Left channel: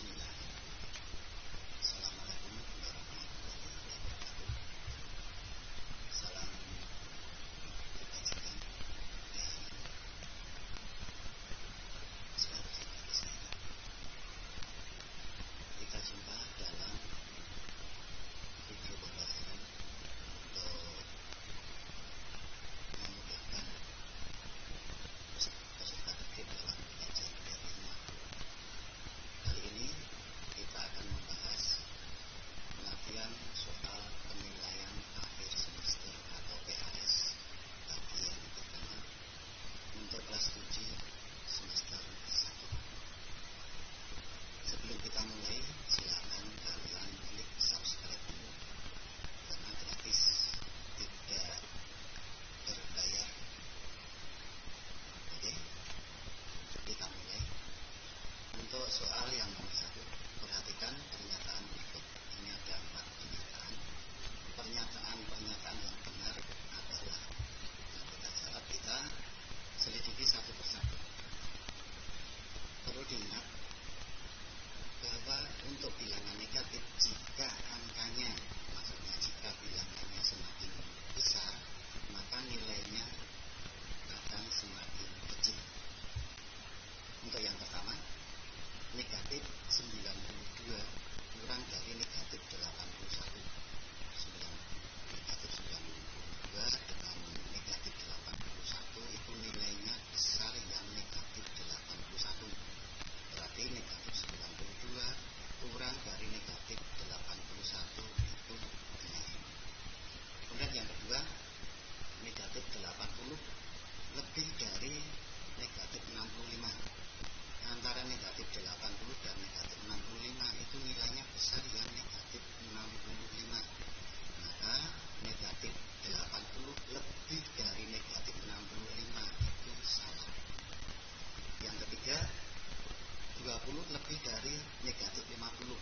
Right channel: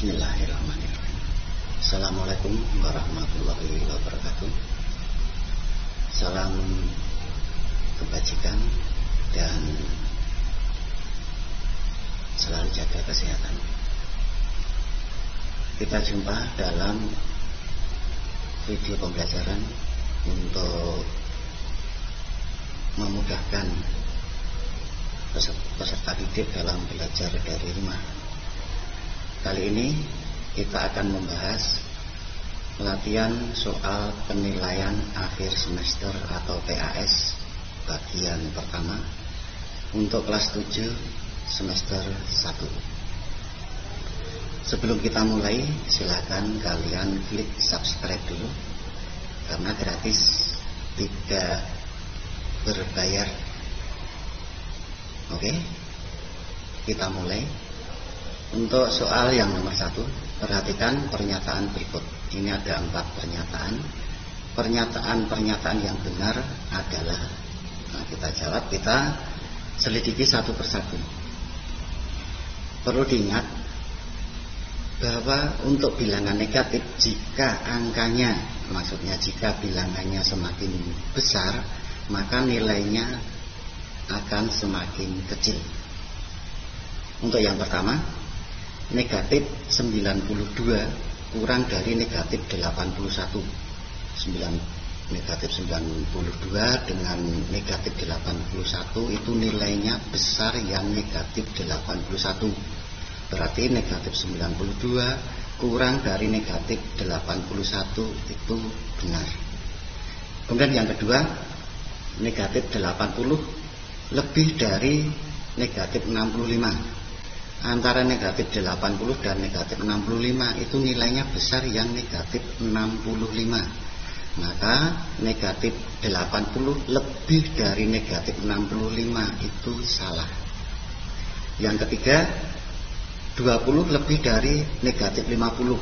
Bismillahirrahmanirrahim. Assalamualaikum warahmatullahi wabarakatuh. Salam kebajikan dan selalu jaga kesehatan. Kita jumpa dalam video pembelajaran untuk memudahkan peserta didik dalam belajar dari rumah. Kali ini kita akan membahas latihan soal penilaian akhir semester atau PAS bagian pertama untuk kelas 7 semester 1. Sebelum kita mulai, silakan kalian klik subscribe dulu karena gratis, tidak berbayar. Oke, kita mulai. Untuk soal yang nomor 1, perhatikan pernyataan berikut. Ini ada 4 pernyataan. Pernyataan yang benar adalah, kita jawab, kita selidiki satu persatu. Perlu diingat bahwa untuk bilangan negatif, jika angkanya, maksudnya jika bilangannya semakin besar, maka nilainya akan semakin kecil. Untuk yang pertama, negatif 92 kurang dari negatif 81. Negatif 92 dengan negatif 81 itu nilainya besar yang negatif 81. Berarti negatif 92 kurang dari negatif 81 itu benar. Kemudian yang kedua, negatif 80 lebih dari negatif 65. Antara negatif 80 dan negatif 65 itu nilainya besar yang negatif 65. Maka negatif 80 lebih dari negatif 65 itu salah. Yang ketiga, 20 lebih dari negatif 50.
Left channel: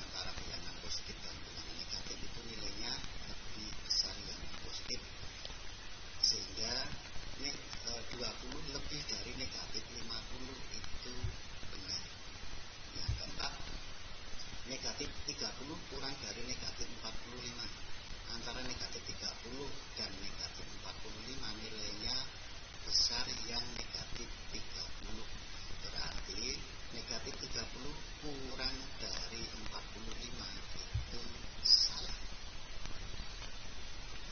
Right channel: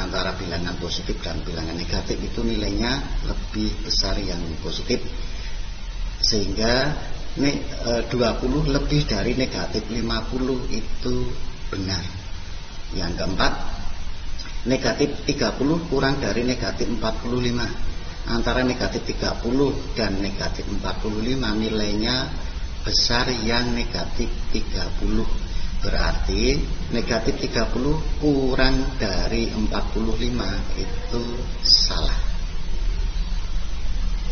Antara bilangan positif dan bilangan negatif itu nilainya lebih besar yang positif, sehingga 20 lebih dari negatif 50 itu benar. Yang keempat, negatif 30 kurang dari negatif 45. Antara negatif 30 dan negatif 45 nilainya besar yang negatif 30. Berarti negatif 30 kurang dari 45 itu salah.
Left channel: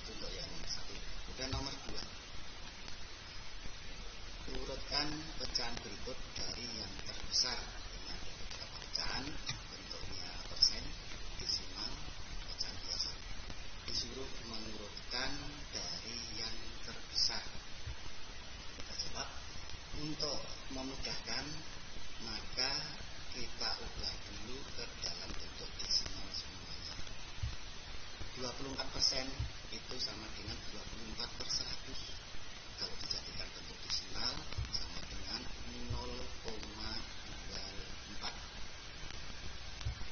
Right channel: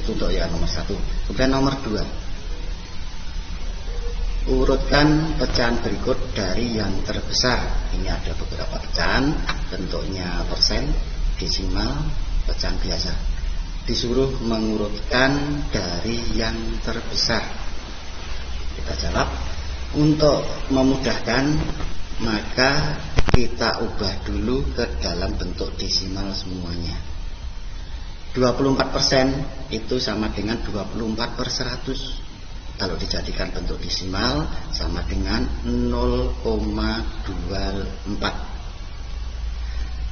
Itu untuk yang nomor 1. Kemudian nomor 2, urutkan pecahan berikut dari yang terbesar. Ini ada beberapa pecahan, bentuknya persen, desimal, pecahan biasa. Disuruh mengurutkan dari yang terbesar. Kita jawab. Untuk memudahkan, maka kita ubah dulu ke dalam bentuk desimal semuanya. 24% itu sama dengan 24/100. Kalau dijadikan bentuk desimal sama dengan 0,24.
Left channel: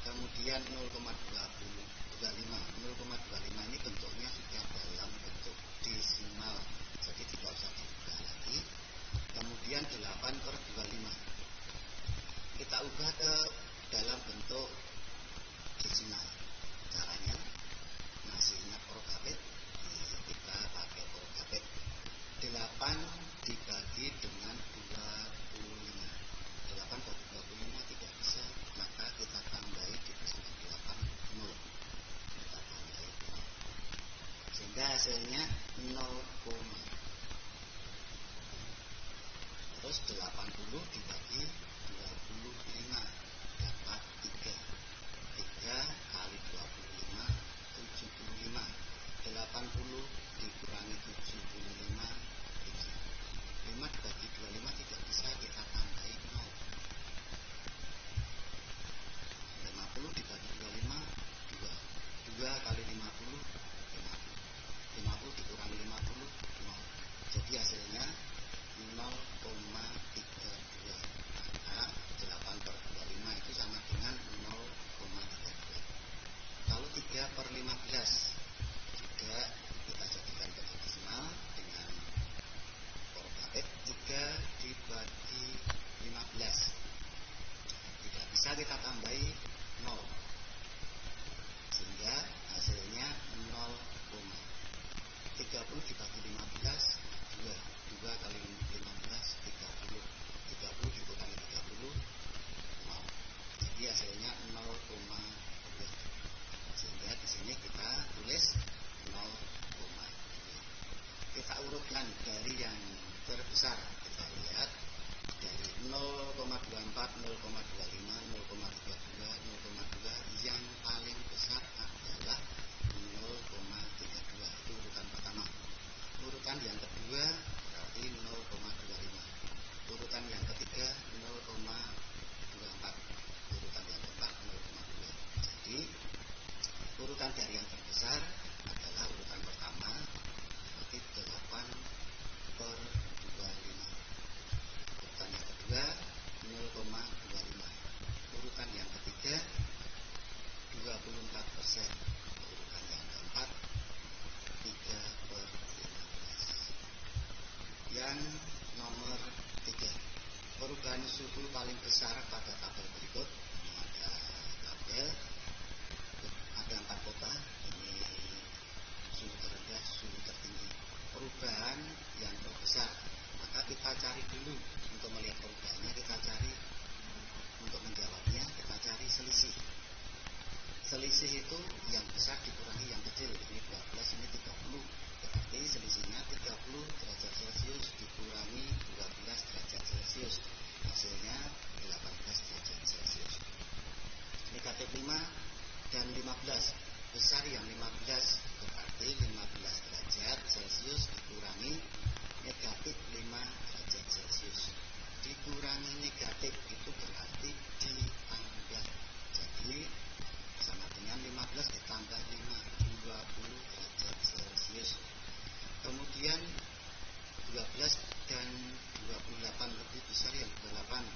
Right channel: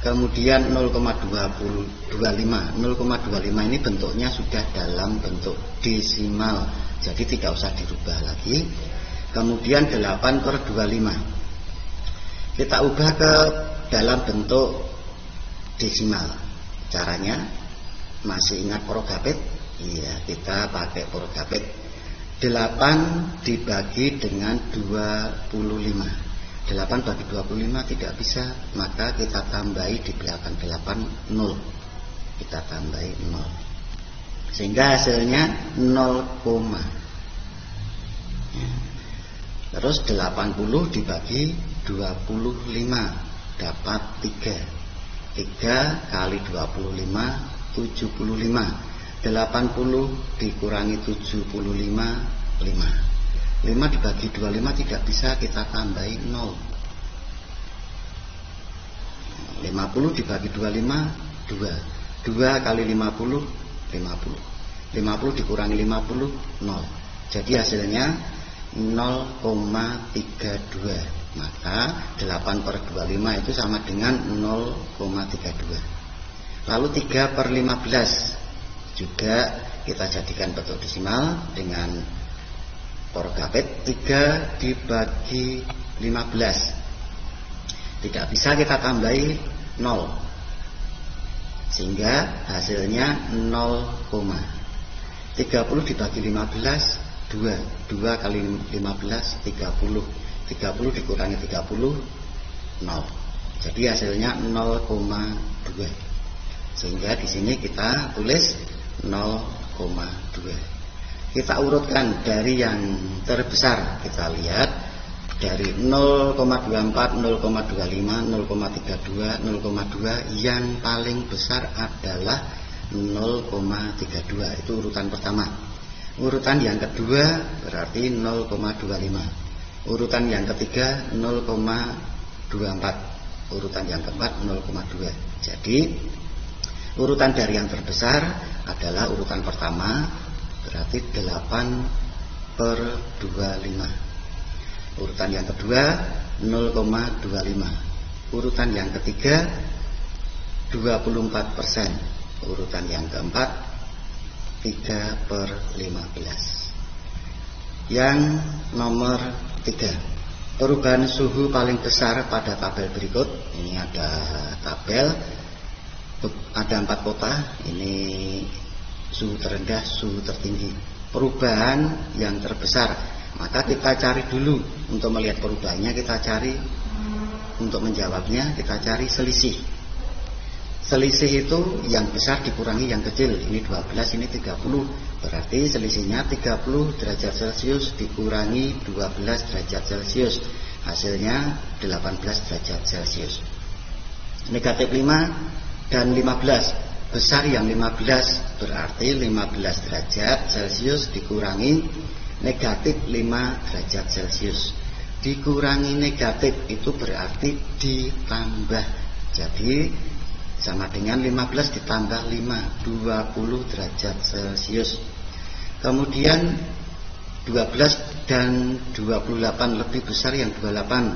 Kemudian 0,25. 0,25 ini bentuknya sudah dalam bentuk desimal, jadi tidak usah dirubah lagi. Kemudian 8/25 kita ubah ke dalam bentuk desimal. Caranya masih ingat Prokapit? Iya, kita pakai Prokapit. 8 dibagi dengan 25. 8 bagi 25 tidak bisa, maka kita tambahi di belakang 8 0. Kita tambahi 0. Sehingga hasilnya 0, terus 80 dibagi 25 dapat 3. 3 kali 25 75. 80 dikurangi 75 5. 5 dibagi 25 tidak bisa, kita tambahi 0. 50 dibagi 25 2. 2 kali 50 50. 50 dikurangi 50 0. Jadi hasilnya 0,32. Maka 8/25 itu sama dengan 0,32. Lalu 3/15 juga kita jadikan bentuk desimal dengan Prokapit. 3 dibagi 15. Tidak bisa kita tambahi 0, sehingga hasilnya 0, 30 dibagi 15, 2 kali 15, 30 dikurangi 30, 0. Jadi hasilnya 0,2. Sehingga di sini kita tulis 0,2. Kita urutkan dari yang terbesar. Kita lihat dari 0,24, 0,25, 0,32, 0,2, yang paling besar adalah 0,32. Itu urutan pertama. Urutan yang kedua berarti 0,25. Urutan yang ketiga 0,24. Urutan yang keempat 0,2. Jadi urutan dari yang terbesar adalah urutan pertama, berarti 8/25. Urutan yang kedua 0,25. Urutan yang ketiga 24%. Urutan yang keempat 3/15. Yang nomor 3, perubahan suhu paling besar pada tabel berikut. Ini ada tabel, ada 4 kota. Ini suhu terendah, suhu tertinggi. Perubahan yang terbesar, maka kita cari dulu. Untuk melihat perubahannya kita cari, untuk menjawabnya kita cari selisih. Selisih itu yang besar dikurangi yang kecil. Ini 12, ini 30. Berarti selisihnya 30 derajat Celcius dikurangi 12 derajat Celcius. Hasilnya 18 derajat Celcius. Negatif 5 dan 15. Besar yang 15, berarti 15 derajat Celcius dikurangi negatif 5 derajat Celcius. Dikurangi negatif itu berarti ditambah. Jadi sama dengan 15 ditambah 5, 20 derajat Celcius. Kemudian 12 dan 28 lebih besar yang 28.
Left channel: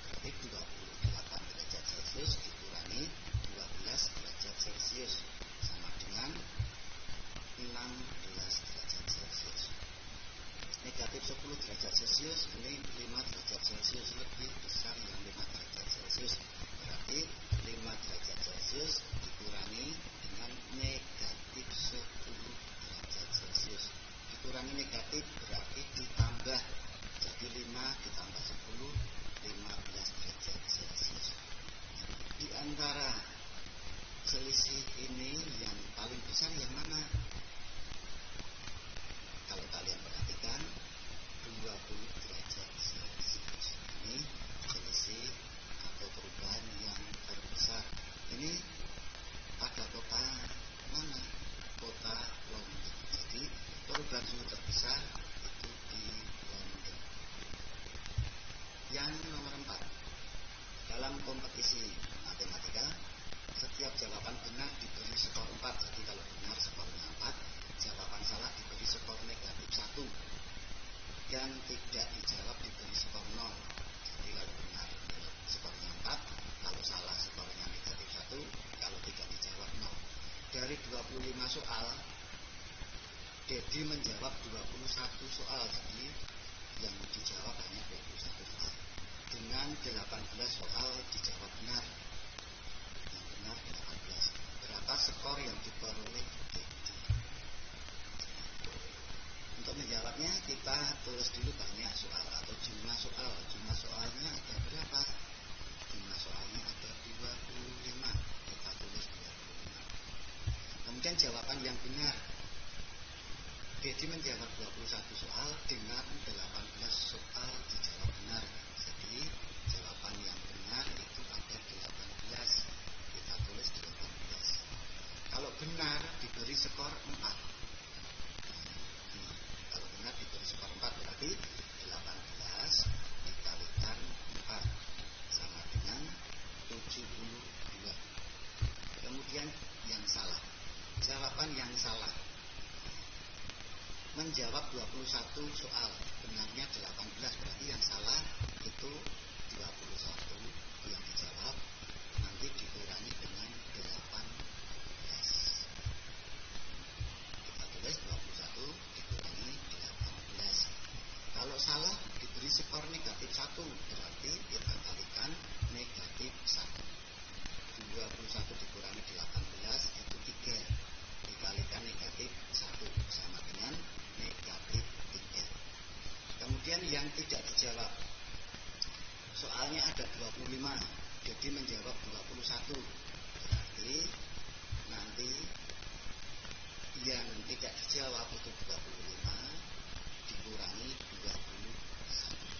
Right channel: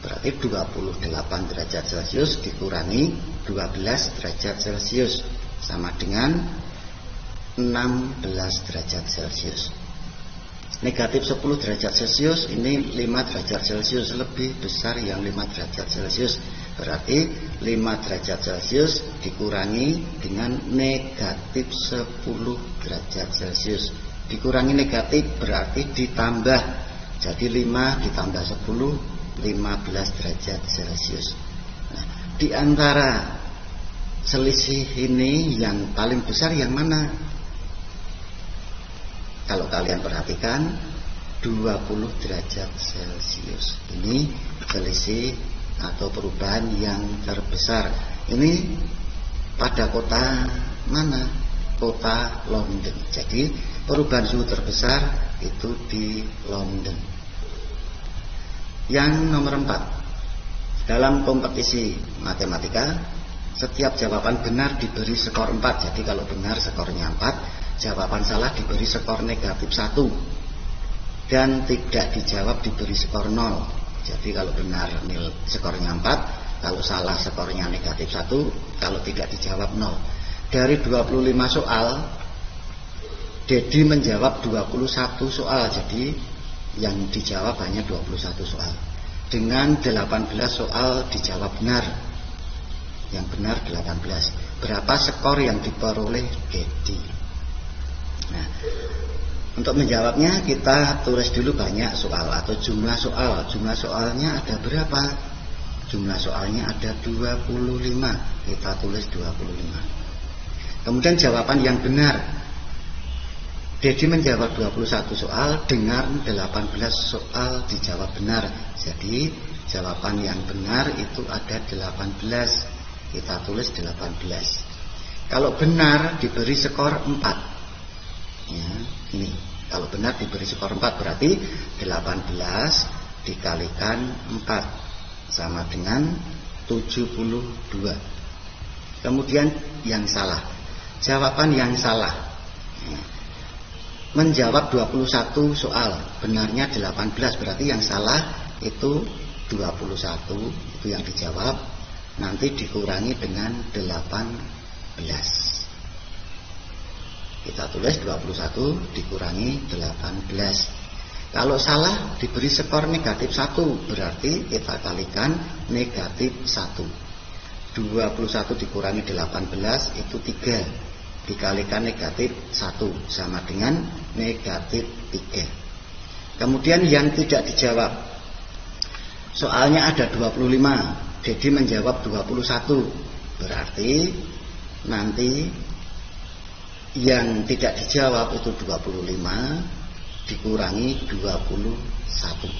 Berarti 28 derajat Celcius dikurangi 12 derajat Celcius sama dengan 16 derajat Celcius. Negatif 10 derajat Celcius, ini 5 derajat Celcius, lebih besar yang 5 derajat Celcius. Berarti 5 derajat Celcius dikurangi dengan negatif 10 derajat Celcius. Dikurangi negatif berarti ditambah. Jadi 5 ditambah 10, 15 derajat Celcius. Nah, di antara selisih ini yang paling besar yang mana? Kalau kalian perhatikan 20 derajat Celcius. Ini selisih atau perubahan yang terbesar. Ini pada kota mana? Kota London. Jadi perubahan suhu terbesar itu di London. Yang nomor 4, dalam kompetisi matematika setiap jawaban benar diberi skor 4. Jadi kalau benar skornya 4, jawaban salah diberi skor negatif 1, dan tidak dijawab diberi skor 0. Jadi kalau benar skornya 4, kalau salah skornya negatif 1, kalau tidak dijawab 0. Dari 25 soal, Dedi menjawab 21 soal. Jadi yang dijawab hanya 21 soal. Dengan 18 soal dijawab benar. Yang benar 18. Berapa skor yang diperoleh Dedi? Nah, untuk menjawabnya kita tulis dulu banyak soal atau jumlah soal. Jumlah soalnya ada berapa? Jumlah soalnya ada 25. Kita tulis 25. Kemudian jawaban yang benar. Dedi menjawab 21 soal dengan 18 soal dijawab benar. Jadi jawaban yang benar itu ada 18. Kita tulis 18. Kalau benar diberi skor 4. Ya, ini kalau benar diberi skor 4 berarti 18 dikalikan 4 sama dengan 72. Kemudian yang salah, jawaban yang salah, ya, menjawab 21 soal, benarnya 18, berarti yang salah itu 21, itu yang dijawab, nanti dikurangi dengan 18. Kita tulis 21 dikurangi 18. Kalau salah diberi skor negatif 1, berarti kita kalikan negatif 1. 21 dikurangi 18 itu 3, dikalikan negatif 1 sama dengan negatif 3. Kemudian yang tidak dijawab, soalnya ada 25, Dedi menjawab 21, berarti nanti yang tidak dijawab itu 25 dikurangi 21.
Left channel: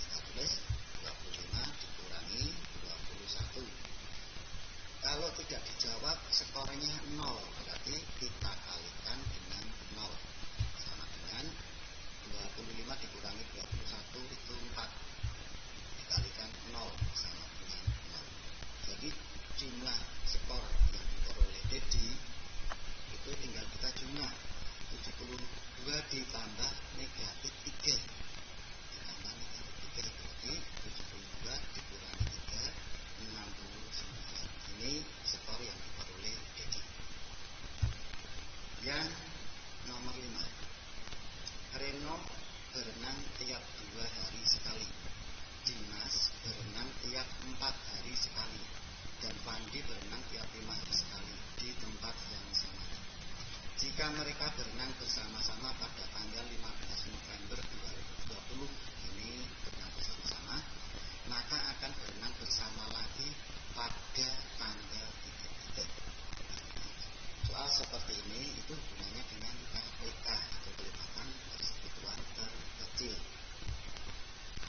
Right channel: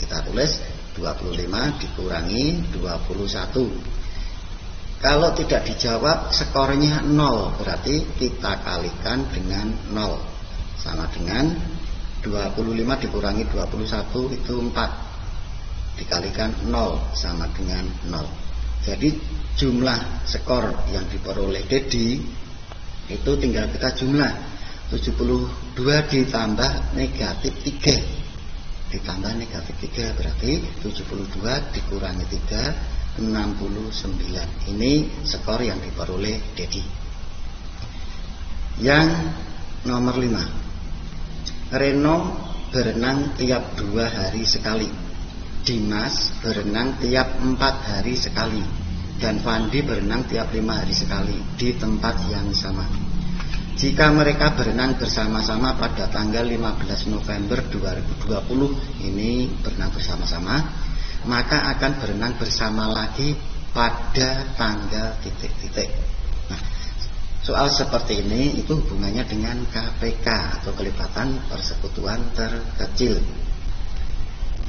Kita tulis 25 dikurangi 21. Kalau tidak dijawab skornya 0, berarti kita kalikan dengan 0. Sama dengan 25 dikurangi 21 itu 4, dikalikan 0 sama dengan 0. Jadi jumlah skor yang diperoleh Dedi itu tinggal kita jumlah 72 ditambah negatif 3, ditambah negatif 3, berarti 72 dikurangi 3 69. Ini skor yang diperoleh Dedi. Yang nomor 5, Reno berenang tiap 2 hari sekali, Dimas berenang tiap 4 hari sekali, dan Fandi berenang tiap 5 hari sekali di tempat yang sama. Jika mereka berenang bersama-sama pada tanggal 15 November 2020, ini berenang bersama-sama, maka akan berenang bersama lagi pada tanggal titik-titik. Nah, soal seperti ini itu hubungannya dengan KPK atau kelibatan persekutuan terkecil.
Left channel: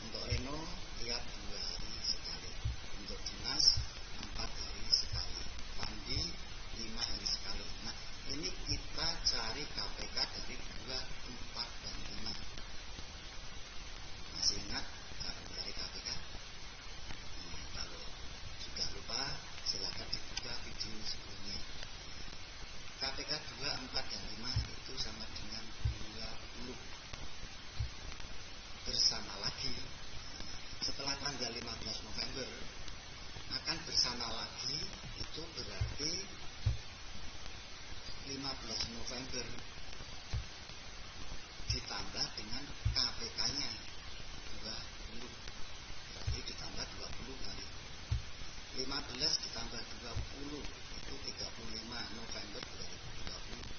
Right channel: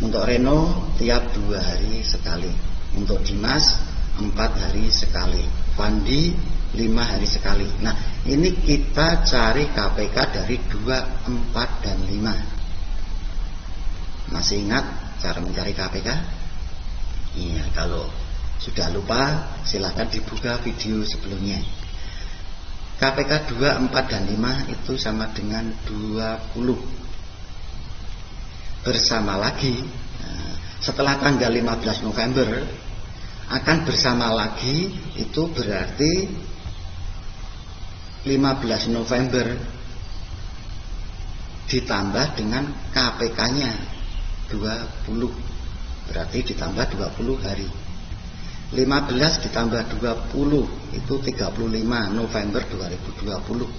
Untuk Reno tiap 2 hari sekali, untuk Dimas 4 hari sekali, Fandi 5 hari sekali. Nah, ini kita cari KPK dari 2, 4, dan 5. Masih ingat cara mencari KPK? Iya, kalau sudah lupa silakan dibuka video sebelumnya. KPK 2, 4, dan 5 itu sama dengan 20. Bersama lagi, setelah tanggal 15 November akan bersama lagi, itu berarti 15 November ditambah dengan KPK-nya 20, berarti ditambah 20 hari. 15 ditambah 20 itu 35 November 2020.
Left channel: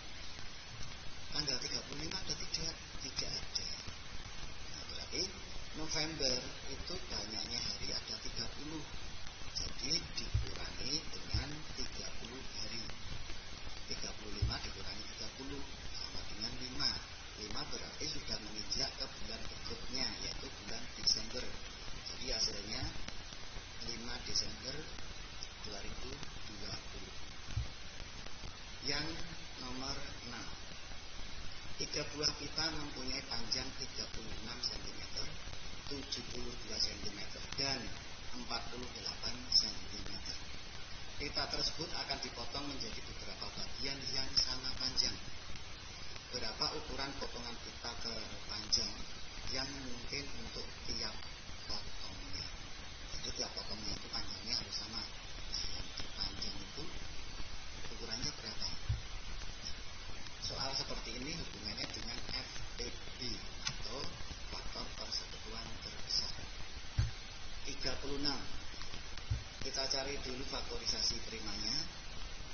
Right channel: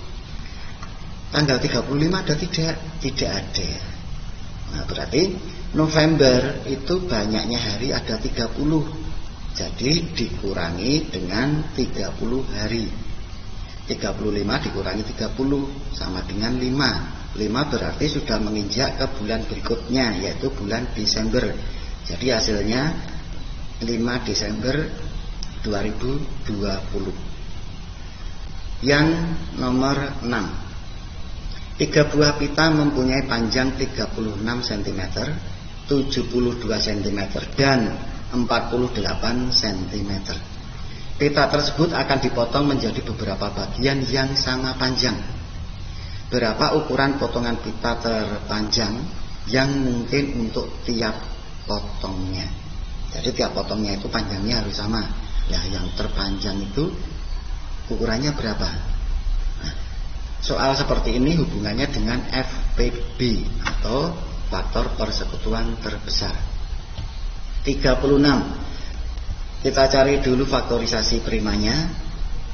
Tanggal 35 ada tidak? Tidak ada. Nah, berarti November itu banyaknya hari ada 30. Jadi dikurangi dengan 30 hari. 35 dikurangi 30 sama dengan 5. 5 berarti sudah menginjak ke bulan berikutnya, yaitu bulan Desember. Jadi hasilnya 5 Desember 2020. Yang nomor 6, 3 buah pita mempunyai panjang 36 cm, 72 cm, dan 48 cm. Pita tersebut akan dipotong menjadi beberapa bagian yang sama panjang. Berapa ukuran potongan pita terpanjang yang mungkin untuk tiap potongnya? Jadi tiap potongnya itu panjangnya harus sama. Nah, yang terpanjang itu ukurannya berapa? Nah, soal seperti ini hubungannya dengan FPB atau faktor persekutuan terbesar. 36. Kita cari dulu faktorisasi primanya.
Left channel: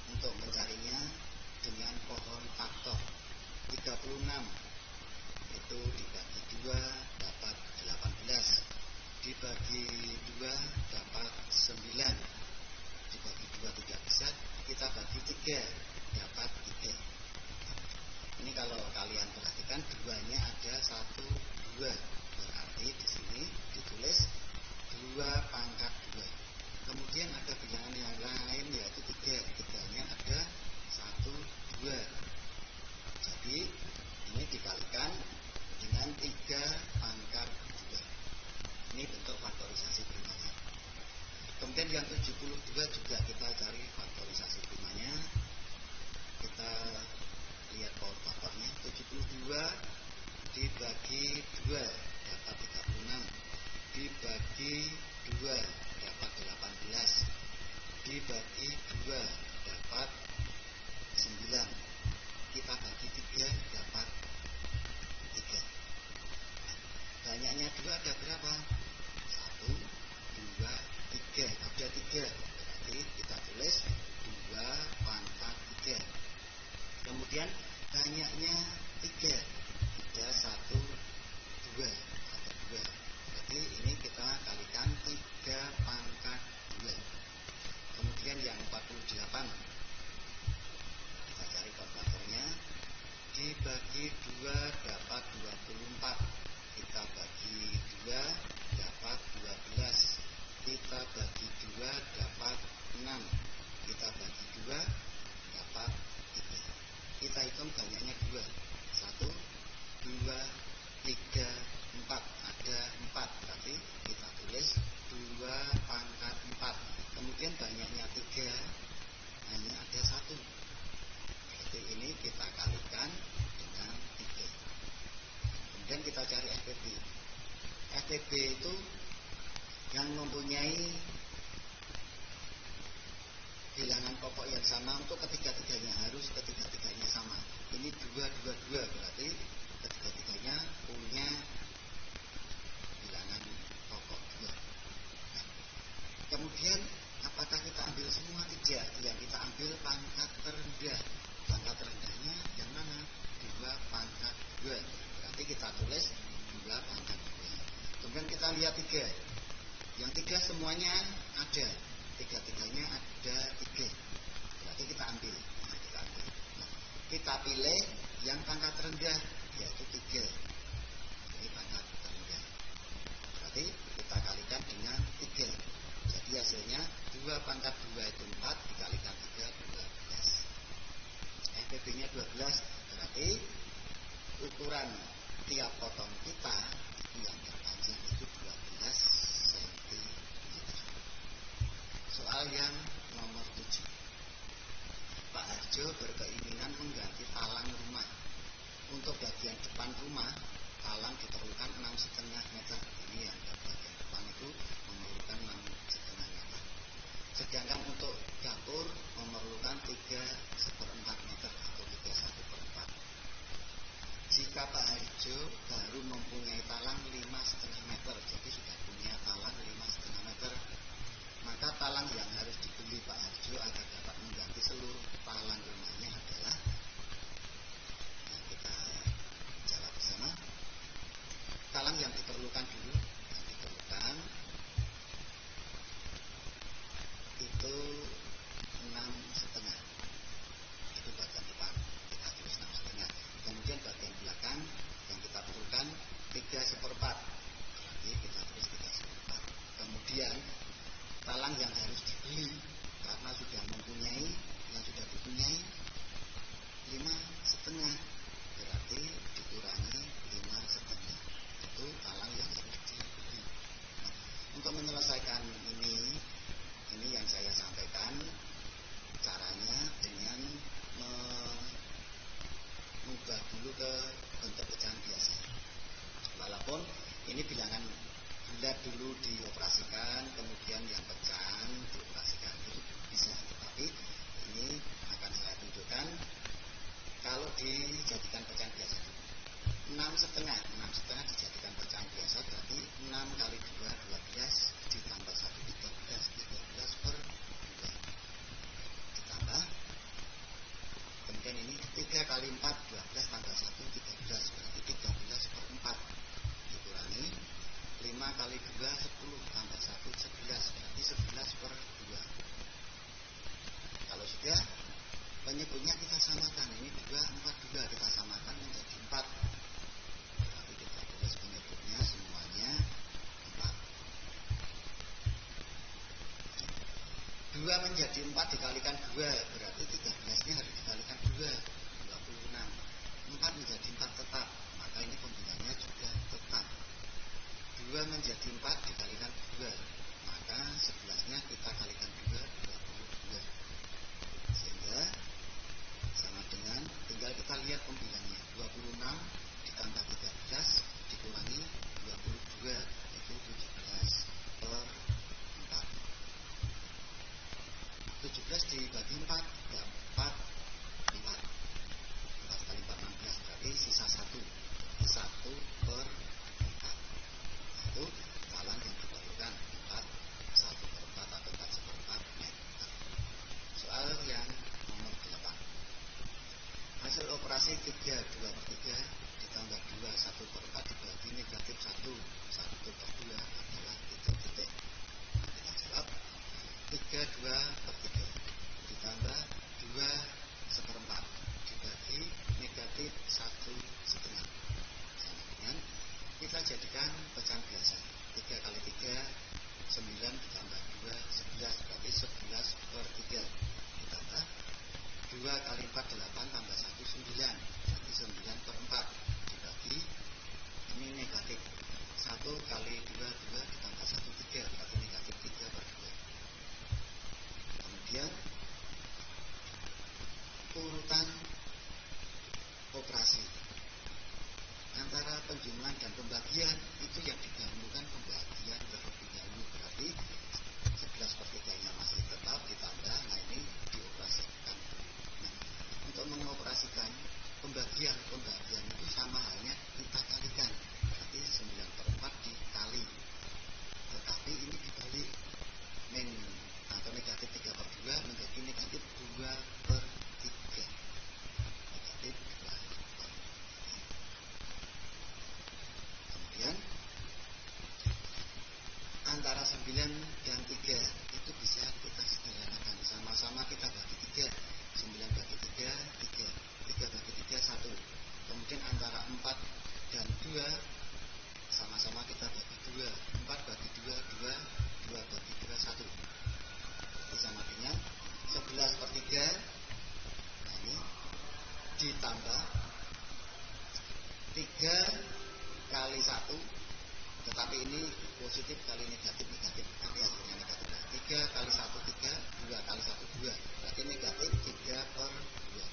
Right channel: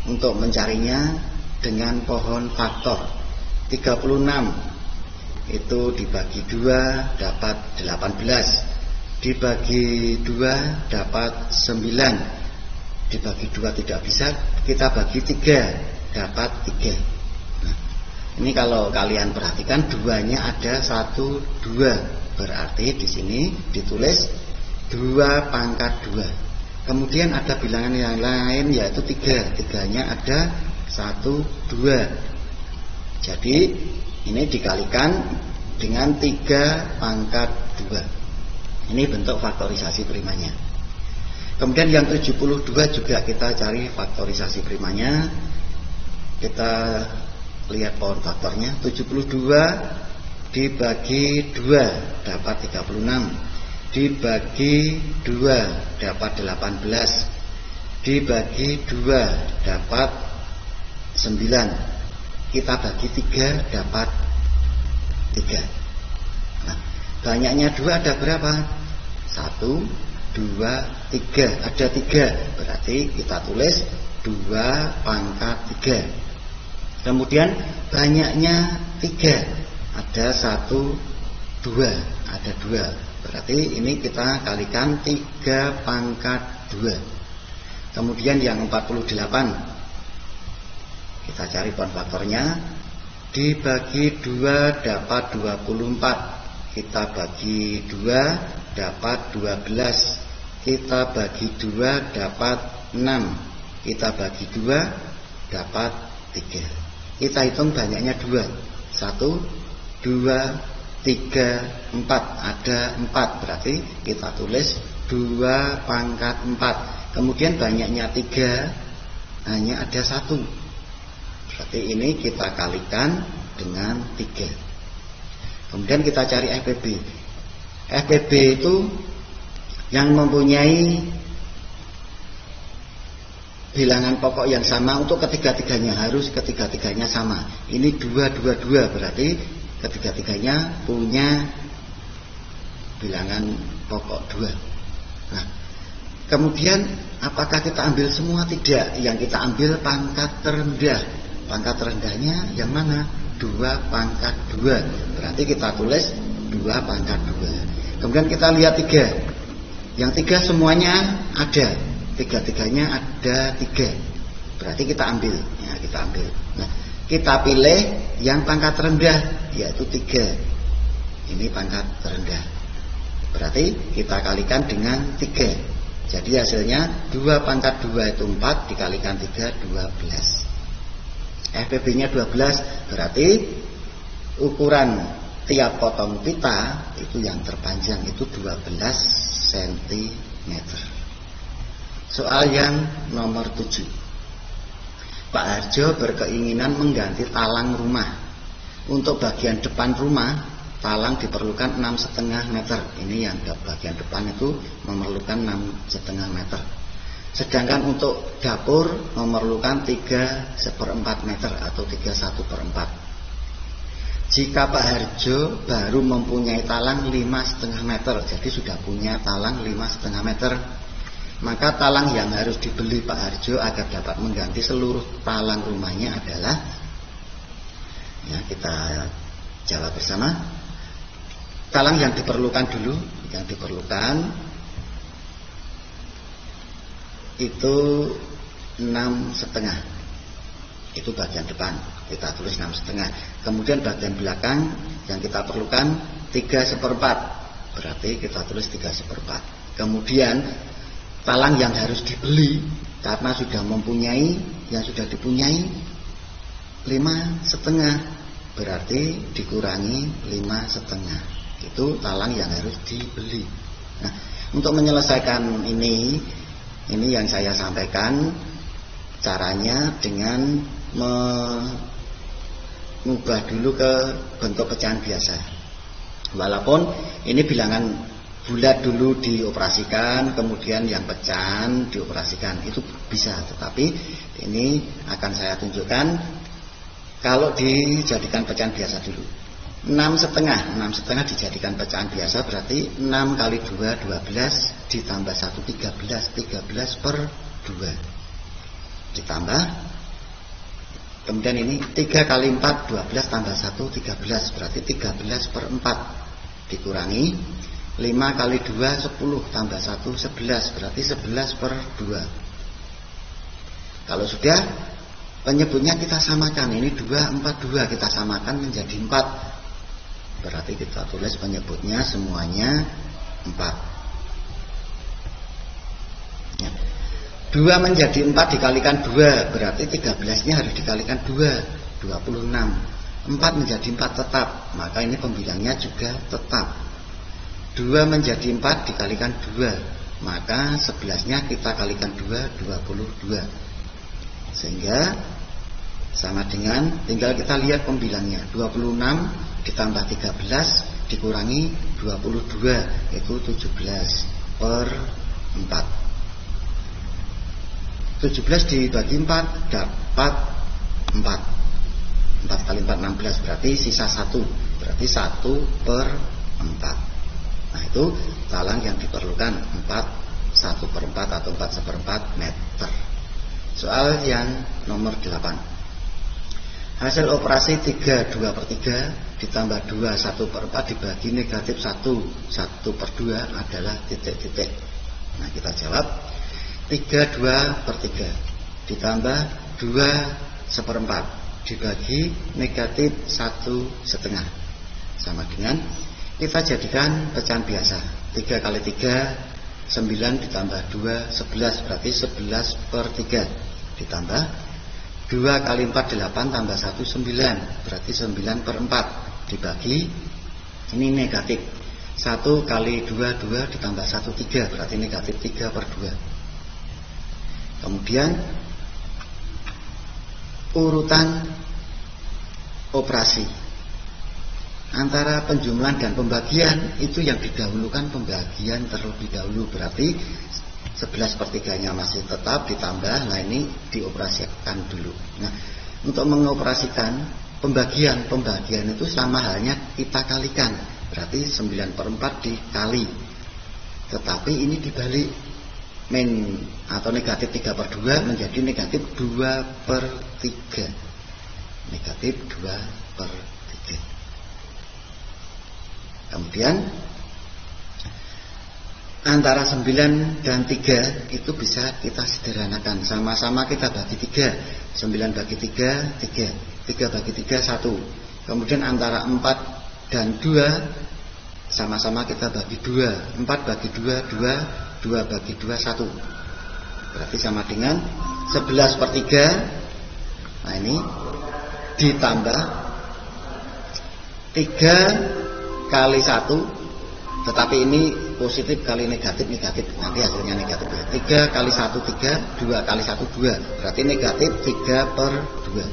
Untuk mencarinya dengan pohon faktor, 36 itu dibagi 2 dapat 18, dibagi 2 dapat 9, dibagi 2 tidak bisa, kita bagi 3 dapat 3. Nah, ini kalau kalian perhatikan duanya ada 1, 2, berarti di sini ditulis 2 pangkat 2. Kemudian ada bilangan yang lain yaitu 3. 3-nya ada 1, 2. Jadi ini dikalikan dengan 3 pangkat 2. Ini bentuk faktorisasi primanya. Kemudian yang 72 juga kita cari faktorisasi primanya. Kita lihat pohon faktornya. 72 dibagi 2 dapat 36, dibagi 2 dapat 18, dibagi 2 dapat 9, kita bagi 3 dapat 3. Nah, Banyaknya 2 ada berapa? 1, 2, 3. Ada 3. Berarti kita tulis 2 pangkat 3. Kemudian banyaknya 3. Ada 1, 2. Ada 2. Berarti ini kita kalikan 3 pangkat 2. Kemudian yang 48, kita cari poin faktornya. Dibagi 2 dapat 24. Kita bagi 2 dapat 12. Kita bagi 2 dapat 6. Kita bagi 2 dapat 3. Kita hitung banyaknya 2. 1, 2, 3, 4. Ada 4. Berarti kita tulis 2 pangkat 4. Kemudian banyaknya 3, hanya ada 1. Berarti ini kita kalikan dengan 3. Kemudian kita cari FPB. FPB itu yang mempunyai bilangan pokok yang sama untuk ketiga-tiganya, harus ketiga-tiganya sama. Ini 2, 2, 2. Berarti ketiga-tiganya punya bilangan pokok 2. Nah, kemudian apakah kita ambil semua? Tidak. Yang kita ambil pangkat terendah. Pangkat terendahnya yang mana? 2 pangkat 2. Berarti kita tulis 2 pangkat 2. Kemudian kita lihat 3. Yang 3 semuanya ada. Tiga-tiganya ada 3. Berarti kita ambil. Ya, kita ambil. Nah, kita pilih yang pangkat rendah, yaitu 3. Ini pangkat terendah. Berarti kita kalikan dengan 3. Jadi hasilnya 2 pangkat 2 itu 4, dikalikan 3, 12. FPB-nya 12, berarti ukuran tiap potong pita itu yang terpanjang itu 12 cm. Soal yang nomor 7. Pak Harjo berkeinginan mengganti talang rumah. Untuk bagian depan rumah, talang diperlukan 6,5 meter. Ini yang bagian depan itu memerlukan 6,5 meter. Sedangkan untuk dapur memerlukan 3/4 meter atau 3/1/4. Jika Pak Harjo baru mempunyai talang 5,5 meter, jadi sudah punya talang 5,5 meter, maka talang yang harus dibeli Pak Harjo agar dapat mengganti seluruh talang rumahnya adalah, ya kita jawab bersama. Talang yang diperlukan dulu, yang diperlukan itu 6,5. Itu bagian depan, kita tulis 6,5. Kemudian bagian belakang yang kita perlukan 3/4. Berarti kita tulis 3/4. Kemudian talang yang harus dibeli karena sudah mempunyai, yang sudah dipunyai 5,5. Berarti dikurangi 5,5. Itu talang yang harus dibeli. Nah, untuk menyelesaikan ini yang saya sampaikan caranya dengan mengubah dulu ke bentuk pecahan biasa. Walaupun ini bilangan bulat dulu dioperasikan, kemudian yang pecahan dioperasikan, itu bisa. Tetapi ini akan saya tunjukkan kalau dijadikan pecahan biasa dulu. 6,5 dijadikan pecahan biasa, berarti 6 kali 2 12 ditambah 1 13, 13/2 ditambah, kemudian ini 3 kali 4 12 tambah 1 13, berarti 13/4 dikurangi 5 kali 2 10 tambah 1 11, berarti 11/2. Kalau sudah, penyebutnya kita samakan. Ini 2 4 2 kita samakan menjadi 4. Berarti kita tulis penyebutnya semuanya 4. Ya. 2 menjadi 4 dikalikan 2, berarti 13-nya harus dikalikan 2, 26. 4 menjadi 4 tetap, maka ini pembilangnya juga tetap. 2 menjadi 4 dikalikan 2, maka 11-nya kita kalikan 2, 22. Sehingga sama dengan, tinggal kita lihat pembilangnya, 26 ditambah 13 dikurangi 22, itu 17/4. 17 dibagi 4 dapat 4. 4 kali 4 16, berarti sisa 1, berarti 1/4. Nah itu talang yang diperlukan 1/4 atau 4/4 meter. Soal yang nomor 8. Hasil operasi 3 2/3 ditambah 2 1/4 dibagi negatif 1/2 adalah titik-titik. Nah kita jawab 3 2/3 ditambah 2 1/4 dibagi negatif 1/2 sama dengan kita jadikan pecahan biasa. 3 kali 3 9 ditambah 2 11 berarti 11/3 ditambah 2 kali 4 8 tambah 1 9 berarti 9/4 dibagi ini negatif 1 kali 2 2 ditambah 1 3 berarti negatif 3/2. Kemudian urutan operasi antara penjumlahan dan pembagian itu yang didahulukan pembagian terlebih dahulu, berarti 11/3-nya masih tetap ditambah, nah ini dioperasikan dulu. Nah untuk mengoperasikan pembagian itu sama halnya kita kalikan, berarti 9/4 dikali, tetapi ini dibalik min atau negatif 3/2 menjadi negatif 2/3, negatif 2/3. Kemudian antara 9 dan 3 itu bisa kita sederhanakan. Sama-sama kita bagi 3. 9 bagi 3, 3. 3 bagi 3, 1. Kemudian antara 4 dan 2 sama-sama kita bagi 2. 4 bagi 2, 2. 2 bagi 2, 1. Berarti sama dengan 11/3. Nah ini ditambah 3 kali 1, tetapi ini positif kali negatif, nanti hasilnya negatif ya. 3 kali 1 3, 2 kali 1 2, berarti negatif 3/2.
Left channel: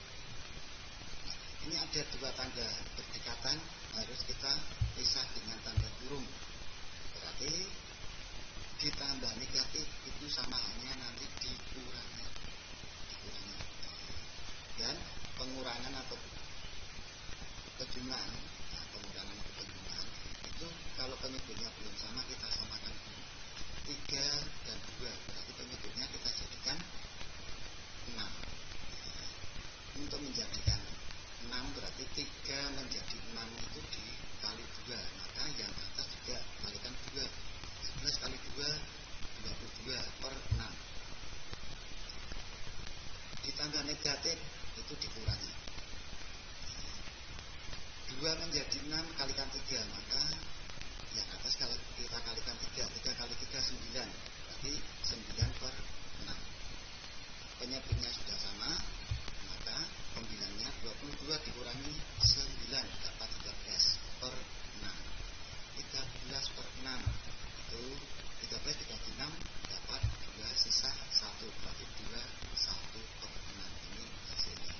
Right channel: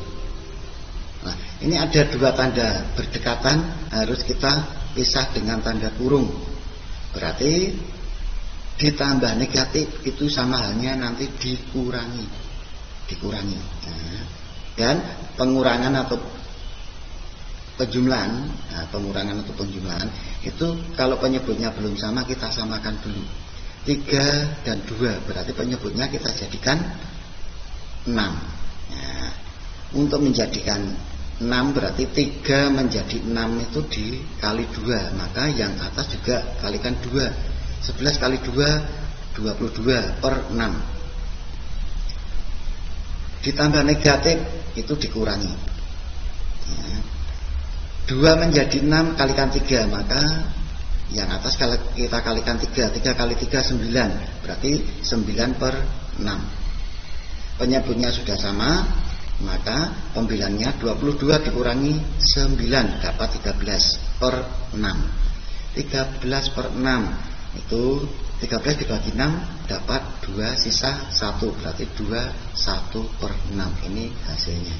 Nah ini ada dua tanda berdekatan, harus kita pisah dengan tanda kurung, berarti ditambah negatif itu sama halnya nanti dikurangi. Nah, dan pengurangan atau penjumlahan, itu kalau penyebutnya belum sama kita samakan dulu. 3 dan 2 berarti penyebutnya kita jadikan 6. Nah, untuk menjadikan 6 berarti 3 menjadi 6 itu dikali 2, maka yang atas juga kalikan 2. 11 kali 2 22/6. Ditambah negatif itu dikurangi. Nah, 2 menjadi 6 kalikan 3, maka yang atas kalau kita kalikan 3. 3 kali 3 9, berarti 9/6. Penyebutnya sudah sama, maka pembilangnya 22 dikurangi 9 dapat 13/6. 13/6 itu 13 dibagi 6 dapat 2 sisa 1, berarti 2 1/6. Ini hasilnya.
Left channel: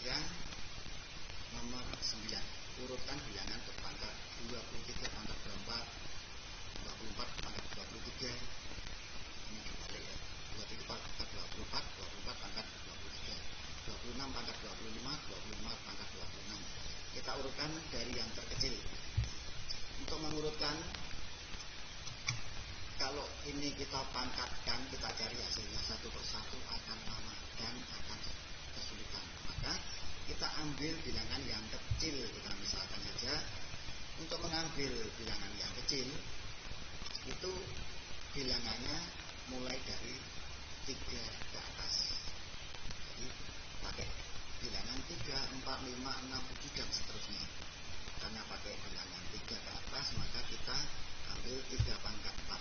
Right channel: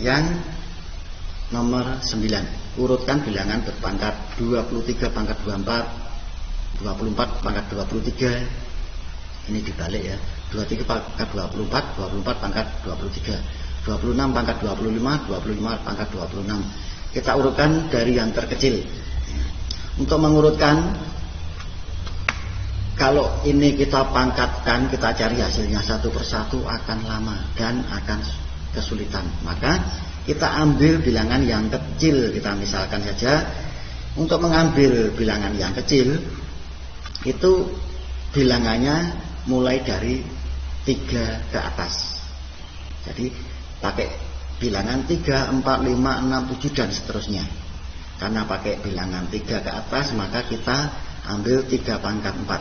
Yang nomor 9, urutkan bilangan berpangkat 23 pangkat 24, 24 pangkat 23. Ini dibalik ya. 23 pangkat 24, 24 pangkat 23, 26 pangkat 25, 25 pangkat 26. Kita urutkan dari yang terkecil. Untuk mengurutkan, kalau ini kita pangkatkan, kita cari hasilnya satu persatu akan lama dan akan kesulitan. Maka kita ambil bilangan yang kecil. Kita misalkan saja, untuk mengambil bilangan yang kecil itu bilangannya mulai dari 3 ke atas. Jadi pakai bilangan 3, 4, 5, 6, 7 dan seterusnya. Karena pakai bilangan 3 ke atas, maka kita ambil 3 pangkat 4.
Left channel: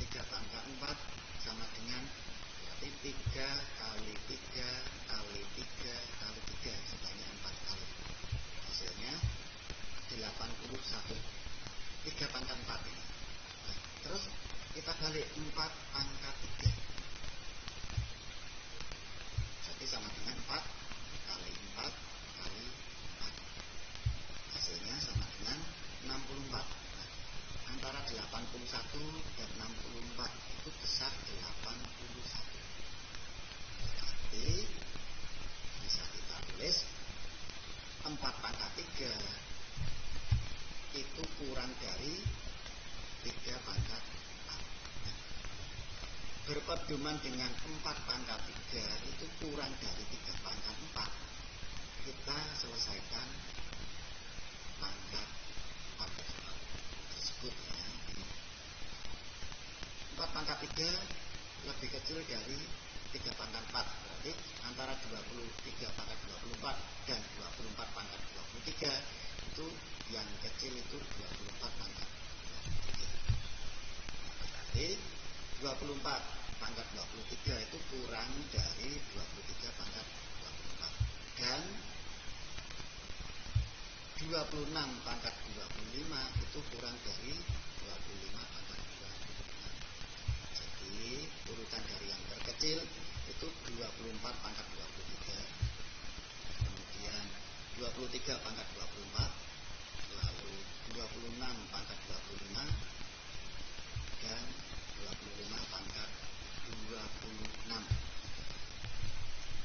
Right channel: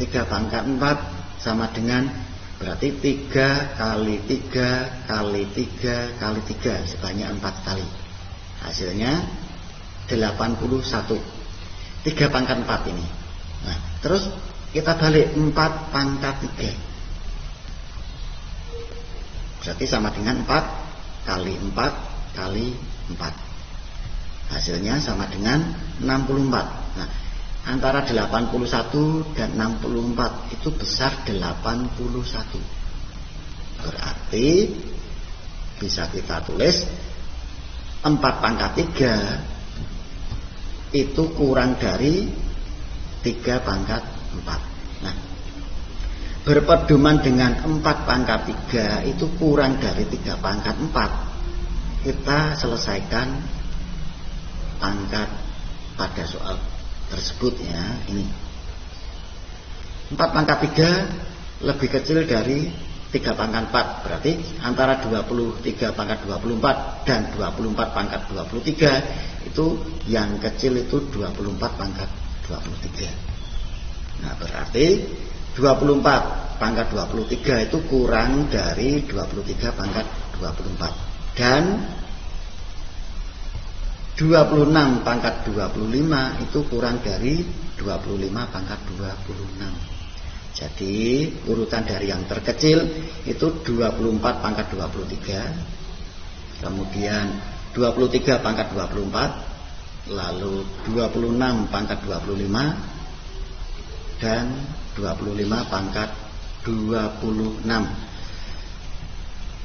3 pangkat 4 sama dengan berarti 3 kali 3 kali 3 kali 3 sebanyak 4 kali. Hasilnya 81. 3 pangkat 4 ini. Nah, terus kita balik 4 pangkat 3. Berarti sama dengan 4 kali 4 kali 4. Hasilnya sama dengan 64. Nah, antara 81 dan 64 itu besar 81. Berarti bisa kita tulis 4 pangkat 3 itu kurang dari 3 pangkat 4. Nah, berpedoman dengan 4 pangkat 3 itu kurang dari 3 pangkat 4. Kita selesaikan pangkat pada soal tersebut ya. Ini 4 pangkat 3 lebih kecil dari 3 pangkat 4. Berarti antara 23 pangkat 24 dan 24 pangkat 23 itu yang kecil itu 24 pangkat 23. Nah, berarti 24 pangkat 23 itu kurang dari 23 pangkat 24. Dan 26 pangkat 25 itu kurang dari 25 pangkat 26. Jadi urutan dari yang terkecil itu 24 pangkat 23, kemudian 23 pangkat 24, lalu 26 pangkat 25, dan 25 pangkat 26.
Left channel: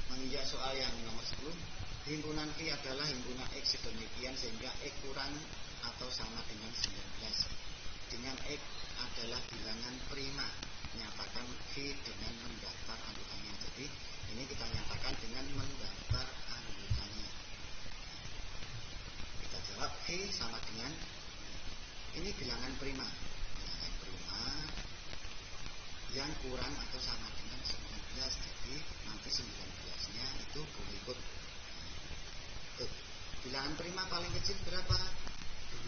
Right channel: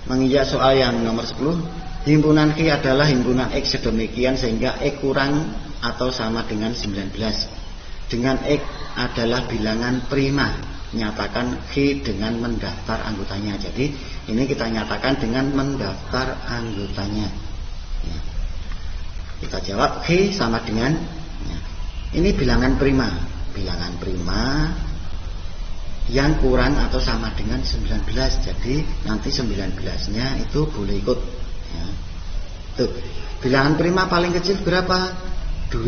Menginjak soal yang nomor 10, himpunan Q adalah himpunan X sedemikian sehingga X kurang atau sama dengan 19. Dengan X adalah bilangan prima. Nyatakan Q dengan mendaftar anggotanya. Jadi ini kita nyatakan dengan mendaftar anggotanya ya. Kita jawab Q sama dengan ya. Ini bilangan prima. Bilangan prima yang kurang atau sama dengan 19. Jadi nanti 19-nya itu boleh ikut ya. Tuh, bilangan prima paling kecil berapa? 2.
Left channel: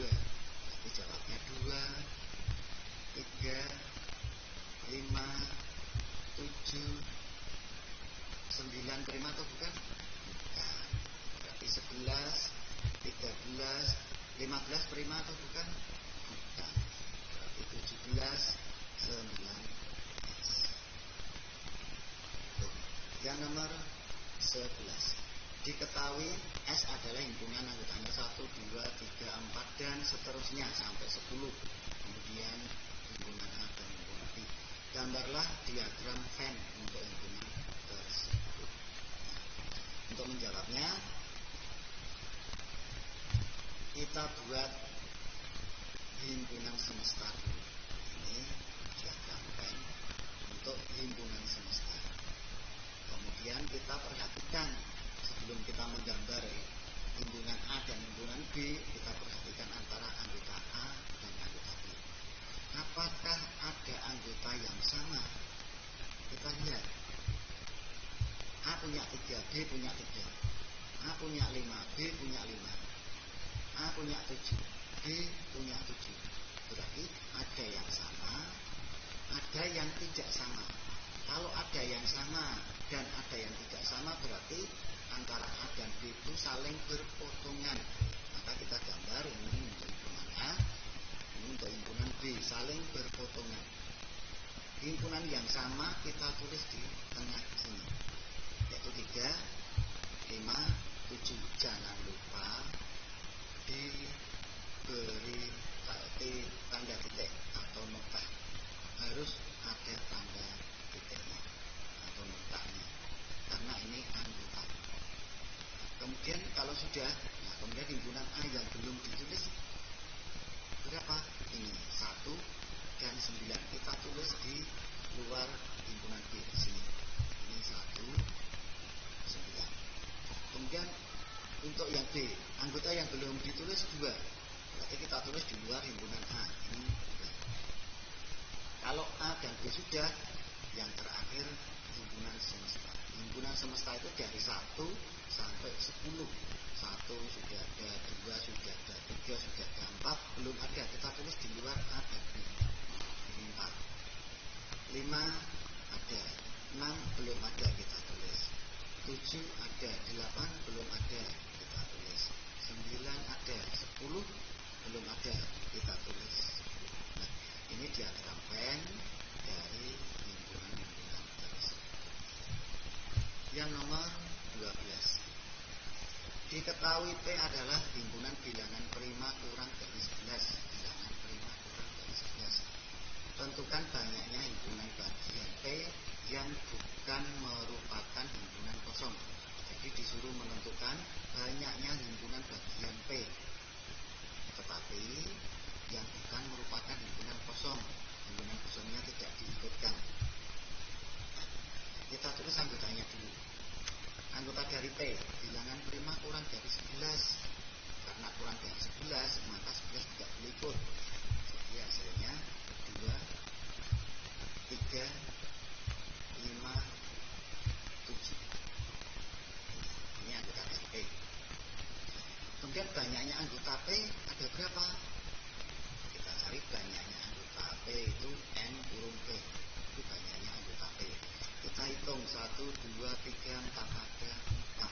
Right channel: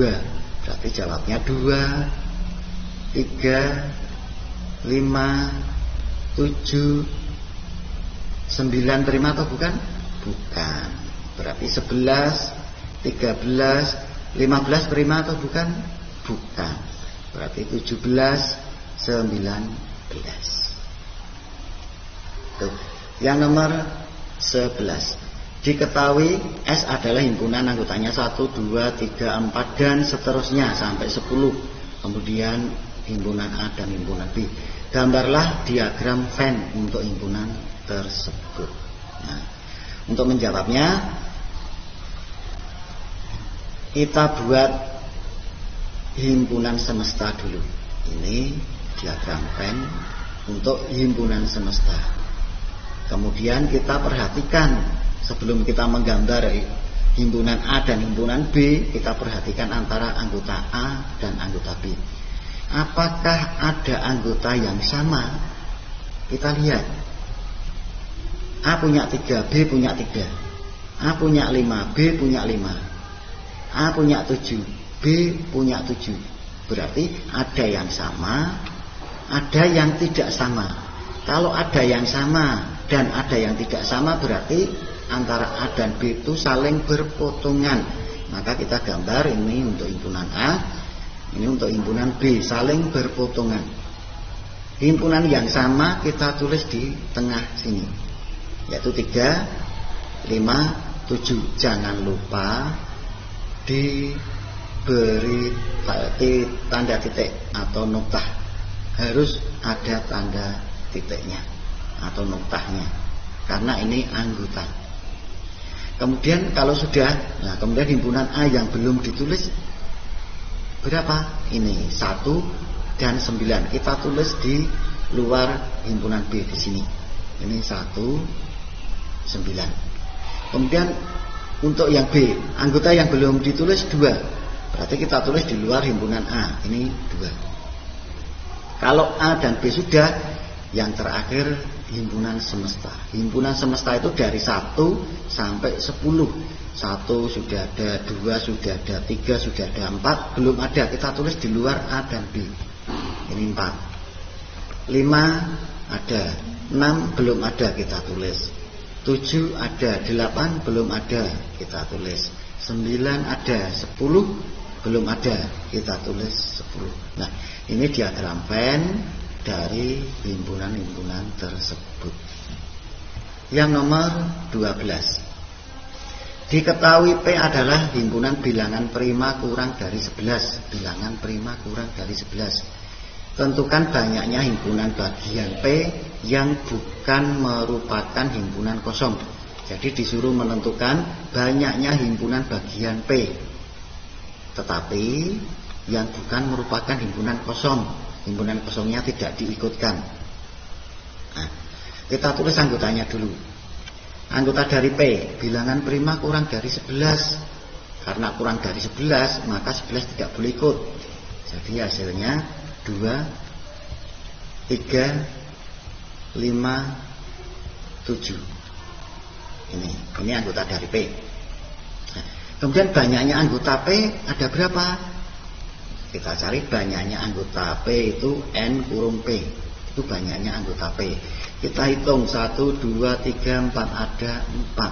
Berarti jawabnya 2, 3, 5, 7, 9 prima atau bukan? Bukan. Berarti 11, 13, 15 prima atau bukan? Bukan. Berarti 17, 19. Tuh. Yang nomor 11. Diketahui S adalah himpunan anggotanya 1, 2, 3, 4 dan seterusnya sampai 10. Kemudian himpunan A dan himpunan B. Gambarlah diagram Venn untuk himpunan tersebut. Nah, untuk menjawabnya kita buat himpunan semesta dulu. Ini diagram Venn untuk himpunan semesta. Kemudian kita perhatikan sebelum kita menggambar himpunan A dan himpunan B, kita perhatikan antara anggota A dan anggota B. Apakah ada anggota yang sama? Kita lihat. A punya 3, B punya 3. A punya 5, B punya 5. A punya 7, B punya 7. Berarti ada yang sama, ada yang tidak sama. Kalau ada yang sama dan ada yang tidak sama, berarti antara A dan B itu saling berpotongan. Maka kita gambar ini untuk himpunan A, ini untuk himpunan B, saling berpotongan. Himpunan yang sama kita tulis di tengah sini, yaitu 3, 5, 7. Jangan lupa diberi tanda titik atau noktah. Harus ada tanda titiknya atau noktahnya, karena ini anggota. Kemudian kalau sudah, nah kemudian himpunan A yang belum ditulis berapa? Ini 1 dan 9. Kita tulis di luar himpunan B di sini. Ini 1, 9. Kemudian untuk yang B, anggota yang belum ditulis 2. Berarti kita tulis di luar himpunan A. Ini 2. Kalau A dan B sudah, yang terakhir himpunan semesta. Himpunan semesta itu dari 1 sampai 10. 1 sudah ada, 2 sudah ada, 3 sudah ada, 4 belum ada, kita tulis di luar A dan B. Ini 4. 5 ada, 6 belum ada, kita tulis. 7 ada, 8 belum ada, kita tulis. 9 ada, 10 belum ada, kita tulis 10. Nah, ini diagram Venn dari himpunan-himpunan tersebut. Yang nomor 12. Diketahui P adalah himpunan bilangan prima kurang dari 11. Bilangan prima kurang dari 11. Tentukan banyaknya himpunan bagian P yang bukan merupakan himpunan kosong. Jadi disuruh menentukan banyaknya himpunan bagian P. tetapi yang bukan merupakan himpunan kosong. Himpunan kosongnya tidak diikutkan. Nah, kita tulis anggotanya dulu. Anggota dari P, bilangan prima kurang dari 11. Karena kurang dari 11, maka 11 tidak boleh ikut. Jadi hasilnya 2, 3, 5, 7. Ini anggota dari P. Nah, kemudian banyaknya anggota P ada berapa? Kita cari banyaknya anggota P itu N kurung P. Itu banyaknya anggota P. Kita hitung 1, 2, 3, 4, ada 4.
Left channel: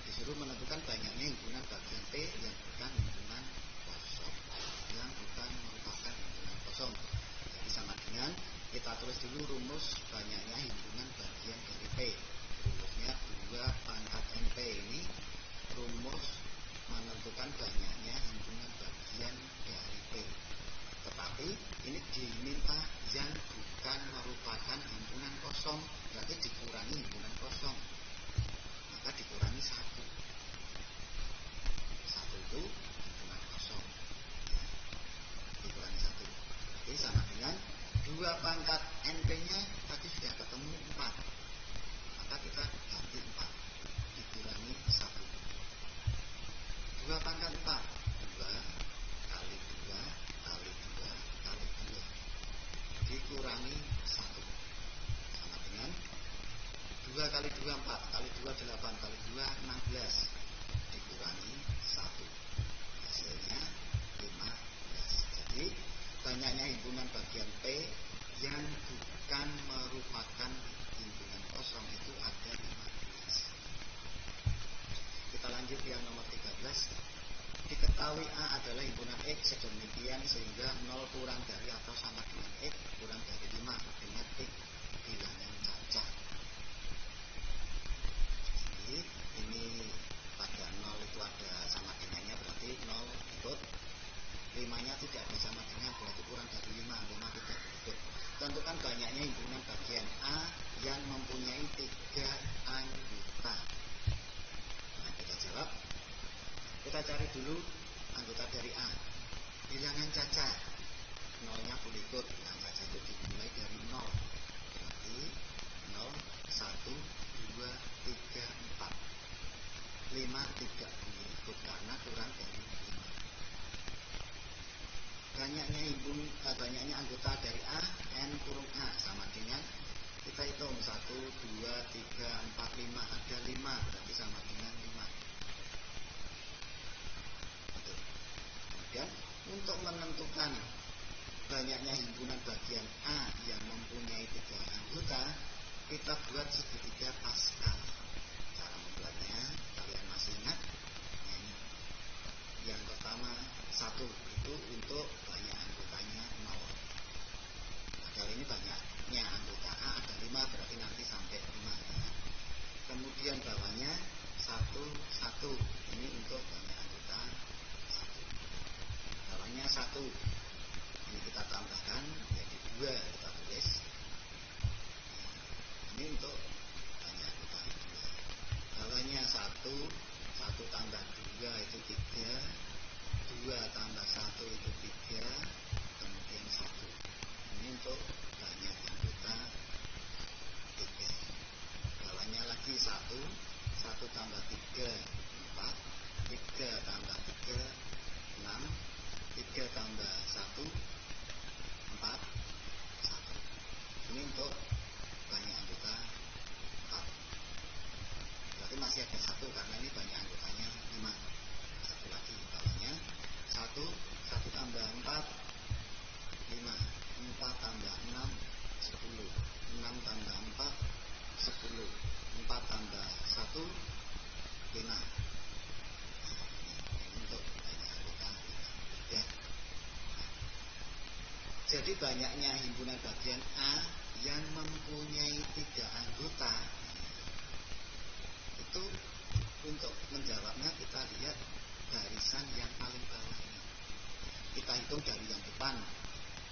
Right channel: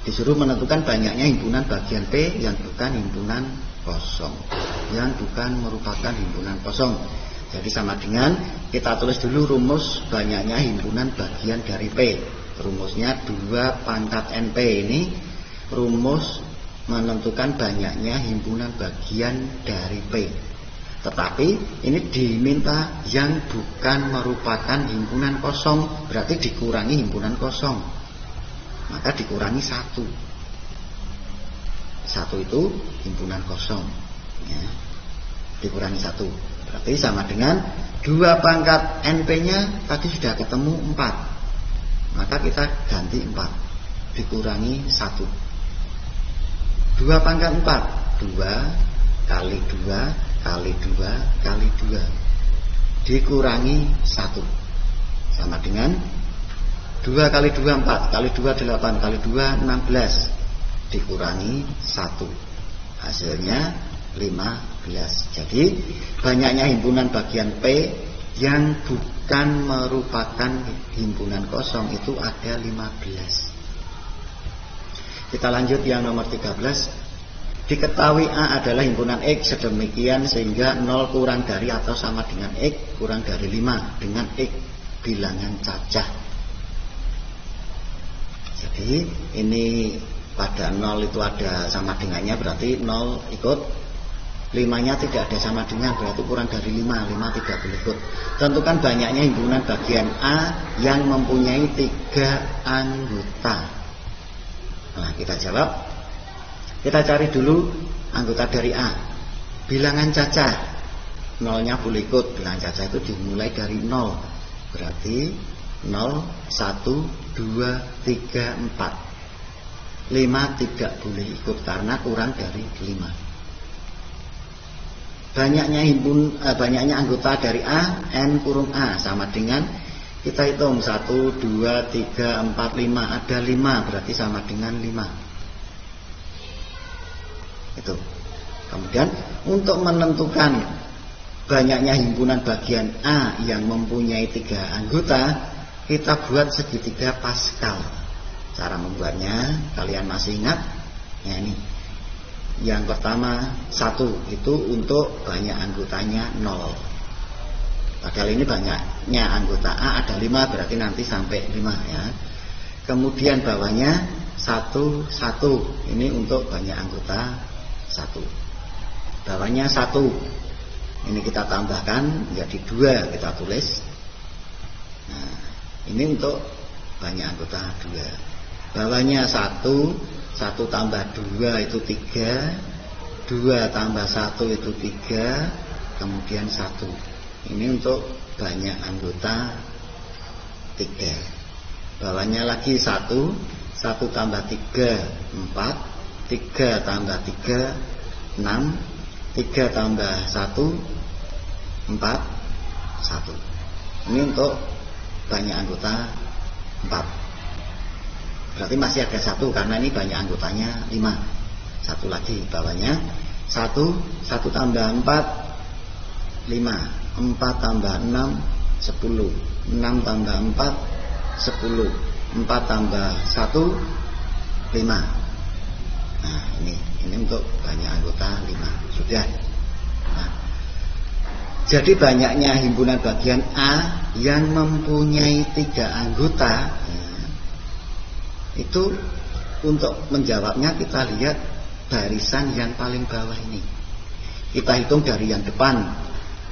Disuruh menentukan banyaknya himpunan bagian P yang bukan himpunan kosong, yang bukan merupakan himpunan kosong. Jadi sama dengan kita tulis dulu rumus banyaknya himpunan bagian dari P. Rumusnya 2 pangkat NP. Ini rumus menentukan banyaknya himpunan bagian dari P. Tetapi ini diminta yang bukan merupakan himpunan kosong, berarti dikurangi himpunan kosong. Maka dikurangi 1. 1 itu himpunan kosong ya. Dikurangi 1, berarti sama dengan 2 pangkat NP-nya tadi sudah ketemu 4. Maka kita ganti 4 dikurangi 1. 2 pangkat 4, 2 kali 2 kali 2 kali 2 dikurangi 1 sama dengan 2 kali 2 4 kali 2 8 kali 2 16 dikurangi 1, hasilnya 15. Jadi banyaknya himpunan bagian P yang bukan merupakan himpunan kosong itu ada 15. Kita lanjut yang nomor 13. Diketahui A adalah himpunan X sedemikian sehingga 0 kurang dari atau sama dengan X kurang dari 5 dengan X bilangan cacah. Jadi ini pada 0 itu ada sama dengannya, berarti 0 ikut, 5-nya tidak ada sama dengan, berarti kurang dari 5 tidak boleh ikut. Tentukan banyaknya himpunan bagian A yang mempunyai 3 anggota. Nah, kita jawab. Kita cari dulu anggota dari A. Bilangan cacah, 0-nya boleh ikut. Bilangan cacah itu dimulai dari 0. Berarti 0, 1, 2, 3, 4. 5 tidak boleh ikut karena kurang dari 5. Banyaknya anggota dari A, N kurung A sama dengan kita hitung 1, 2, 3, 4, 5. Ada 5 berarti sama dengan 5. Itu. Kemudian untuk menentukan banyaknya himpunan bagian A yang mempunyai 3 anggota, kita buat segitiga Pascal. Cara membuatnya kalian masih ingat? Ya, ini. Yang pertama 1 itu untuk banyak anggotanya 0. Padahal ini banyaknya anggota A ada 5, berarti nanti sampai 5 ya. Kemudian bawahnya 1, 1. Ini untuk banyak anggota 1. Bawahnya 1. Ini kita tambahkan menjadi 2, kita tulis. Nah, ini untuk banyak anggota 2. Bawahnya 1, 1 tambah 2 itu 3, 2 tambah 1 itu 3, kemudian 1. Ini untuk banyak anggota 3. Bawahnya lagi 1, 1 tambah 3, 4, 3 tambah 3, 6, 3 tambah 1, 4, 1. Ini untuk banyak anggota 4. Berarti masih ada 1 karena ini banyak anggotanya 5. 1 lagi bawahnya 1, 1 tambah 4, 5, 4 tambah 6, 10, 6 tambah 4, 10, 4 tambah 1, 5. Nah ini untuk banyak anggota 5. Sudah. Nah, jadi banyaknya himpunan bagian A yang mempunyai 3 anggota itu untuk menjawabnya kita lihat barisan yang paling bawah ini. Kita hitung dari yang depan.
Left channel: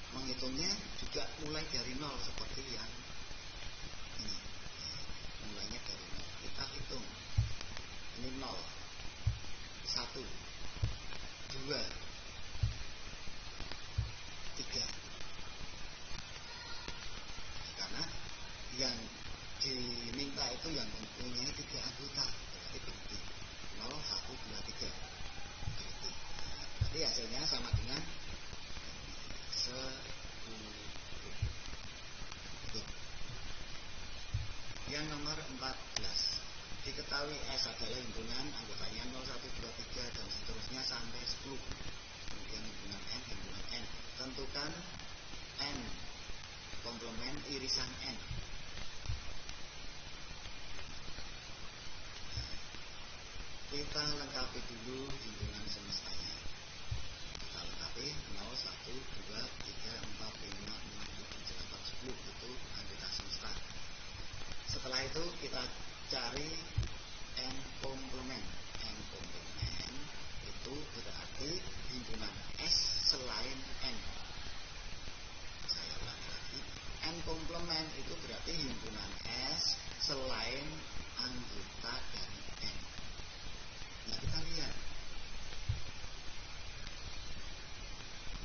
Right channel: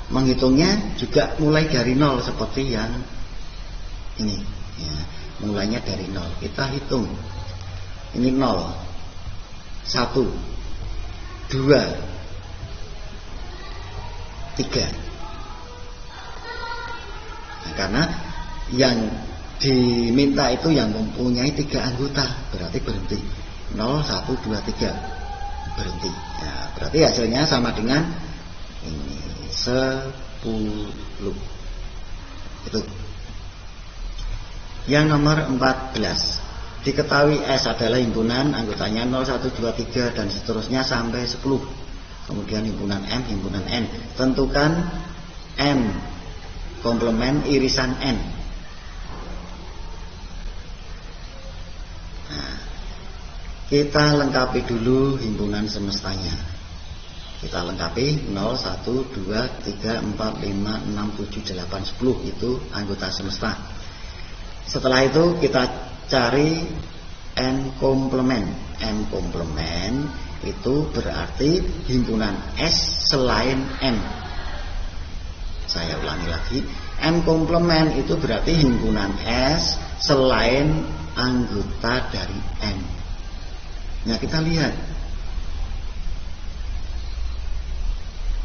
Menghitungnya juga mulai dari 0 seperti yang ini ya, mulainya dari 0. Kita hitung. Ini 0. 1, 2, 3. Nah, karena yang diminta itu yang mempunyai 3 anggota, berarti berhenti. 0, 1, 2, 3, berhenti. Nah, berarti hasilnya sama dengan ini 10. Itu. Yang nomor 14. Diketahui S adalah himpunan anggotanya 0, 1, 2, 3 dan seterusnya sampai 10. Kemudian himpunan M, himpunan N. Tentukan M komplement irisan N. Nah, kita lengkapi dulu himpunan semestanya. Kita lengkapi 0, 1, 2, 3, 4, 5, 6, 7, 8, 10. Itu anggota semesta. Setelah itu kita cari N komplement. N komplement itu berarti himpunan S selain M. Saya ulangi lagi, M komplement itu berarti himpunan S selain anggota dari N. Nah, kita lihat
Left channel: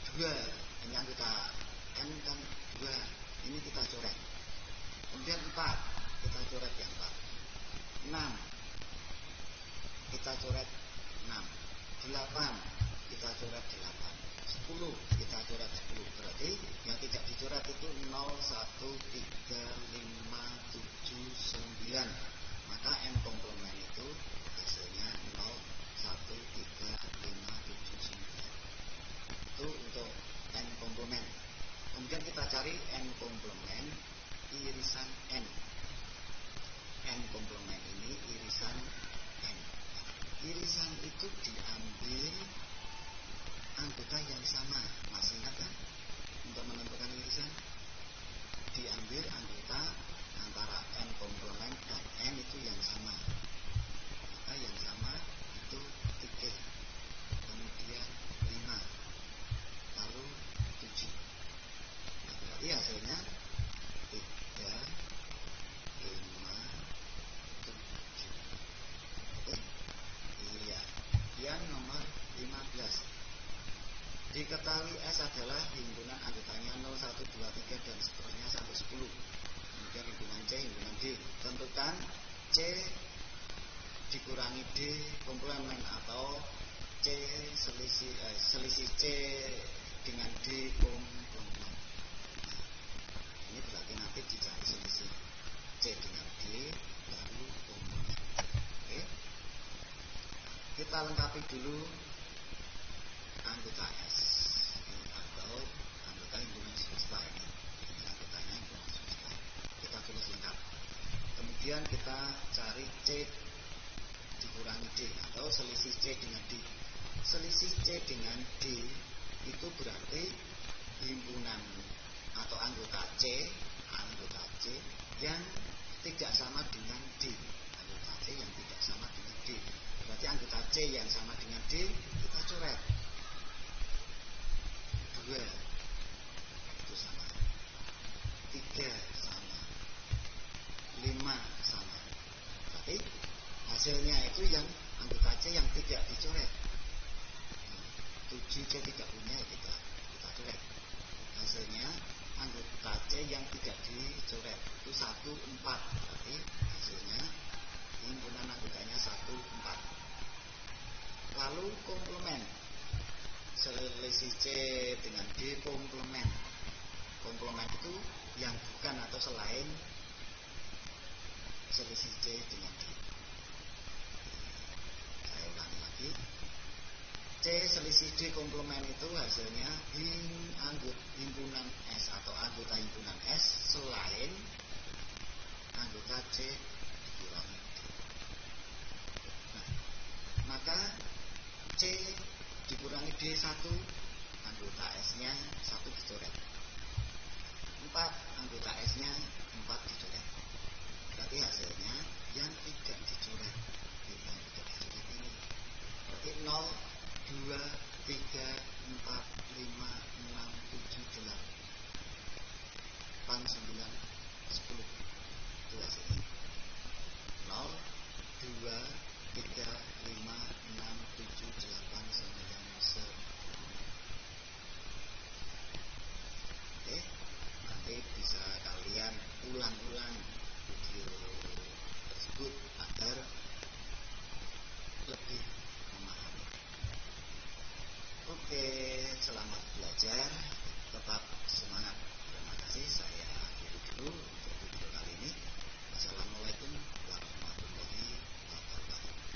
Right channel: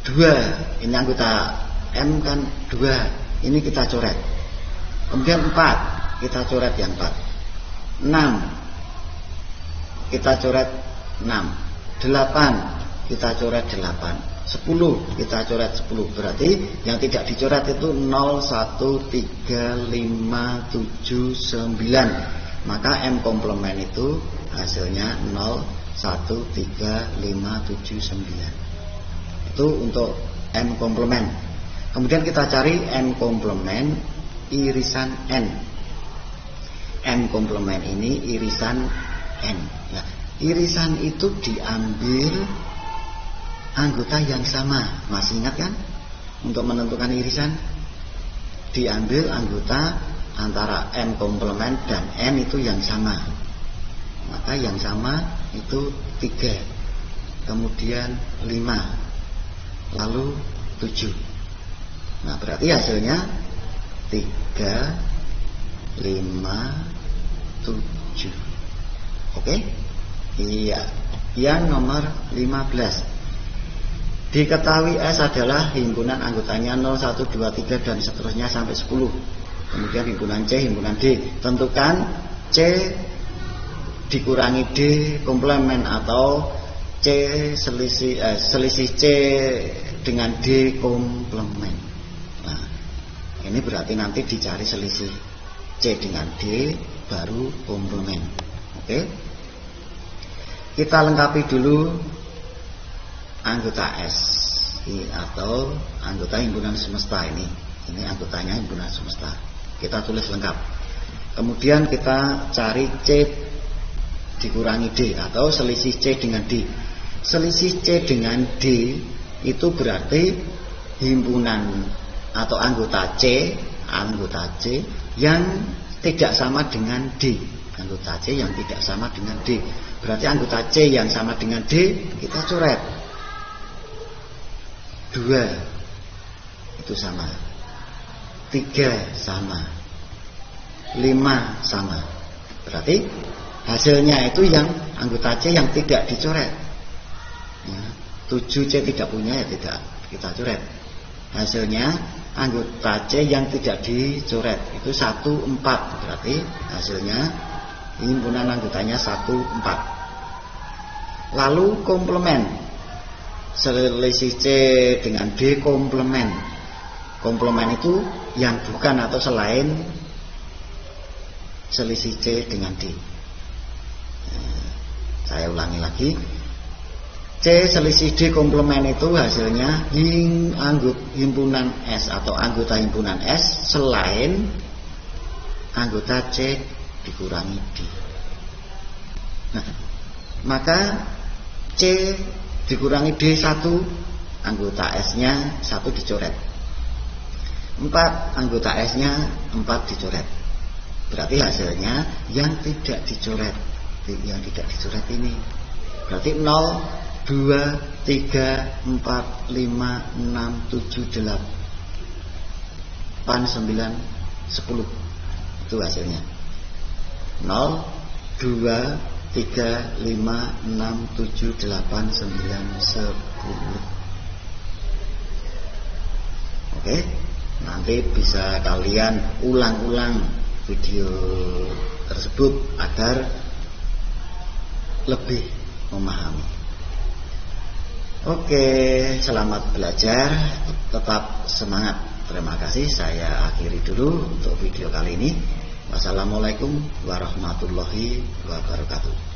2, ini anggota M kan 2, ini kita coret. Kemudian 4, kita coret yang 4. 6, kita coret 6. 8, kita coret 8. 10, kita coret 10. Berarti yang tidak dicoret itu 0, 1, 3, 5, 7, 9. Maka M komplement itu hasilnya 0, 1, 3, 5, 7, 9. Itu untuk M komplement. Kemudian kita cari N komplement irisan N. N komplement ini irisan N. Nah, irisan itu diambil anggota yang sama. Masih ingat kan? Untuk menentukan irisan diambil anggota antara M komplement dan N itu yang sama. Maka yang sama itu 3, kemudian 5, lalu 7. Nah, berarti hasilnya 3, 5, 7. Oke? Iya. Yang nomor 15. Diketahui S adalah himpunan anggotanya 0, 1, 2, 3 dan seterusnya sampai 10. Kemudian himpunan C, himpunan D. Tentukan C dikurangi D komplement atau C selisih C dengan D komplement. Nah, ini berarti nanti dicari selisih C dengan D baru komplement. Oke? Kita lengkapi dulu anggota S atau anggota himpunan semesta ini. Ini anggotanya himpunan semesta. Kita tulis lengkap. Kemudian kita cari C dikurangi D atau selisih C dengan D. Selisih C dengan D itu berarti himpunan atau anggota C yang tidak sama dengan D. Anggota C yang tidak sama dengan D. Berarti anggota C yang sama dengan D kita coret. 2 itu sama. 3 sama. 5 sama. Berarti hasilnya itu yang anggota C yang tidak dicoret. Ya, 7C tidak punya ya tidak kita coret. Hasilnya anggota C yang tidak dicoret itu 1, 4. Berarti hasilnya himpunan anggotanya 1, 4. Lalu komplement. Selisih C dengan D komplement. Komplement itu yang bukan atau selain selisih C dengan D. Saya ulangi lagi. C selisih D komplement itu hasilnya himpunan S atau anggota himpunan S selain anggota C dikurangi D. Nah, maka C dikurangi D 1, anggota S-nya 1 dicoret. 4, anggota S-nya 4 dicoret. Berarti hasilnya yang tidak dicoret. Yang tidak dicoret ini berarti 0, 2, 3, 4, 5, 6, 7, 8, 9, 10. Itu hasilnya 0, 2, 3, 5, 6, 7, 8, 9, 10. Oke, nanti bisa kalian ulang-ulang video tersebut agar lebih memahami. Oke, selamat belajar, tetap semangat. Terima kasih, saya akhiri dulu untuk video kali ini. Wassalamualaikum warahmatullahi wabarakatuh.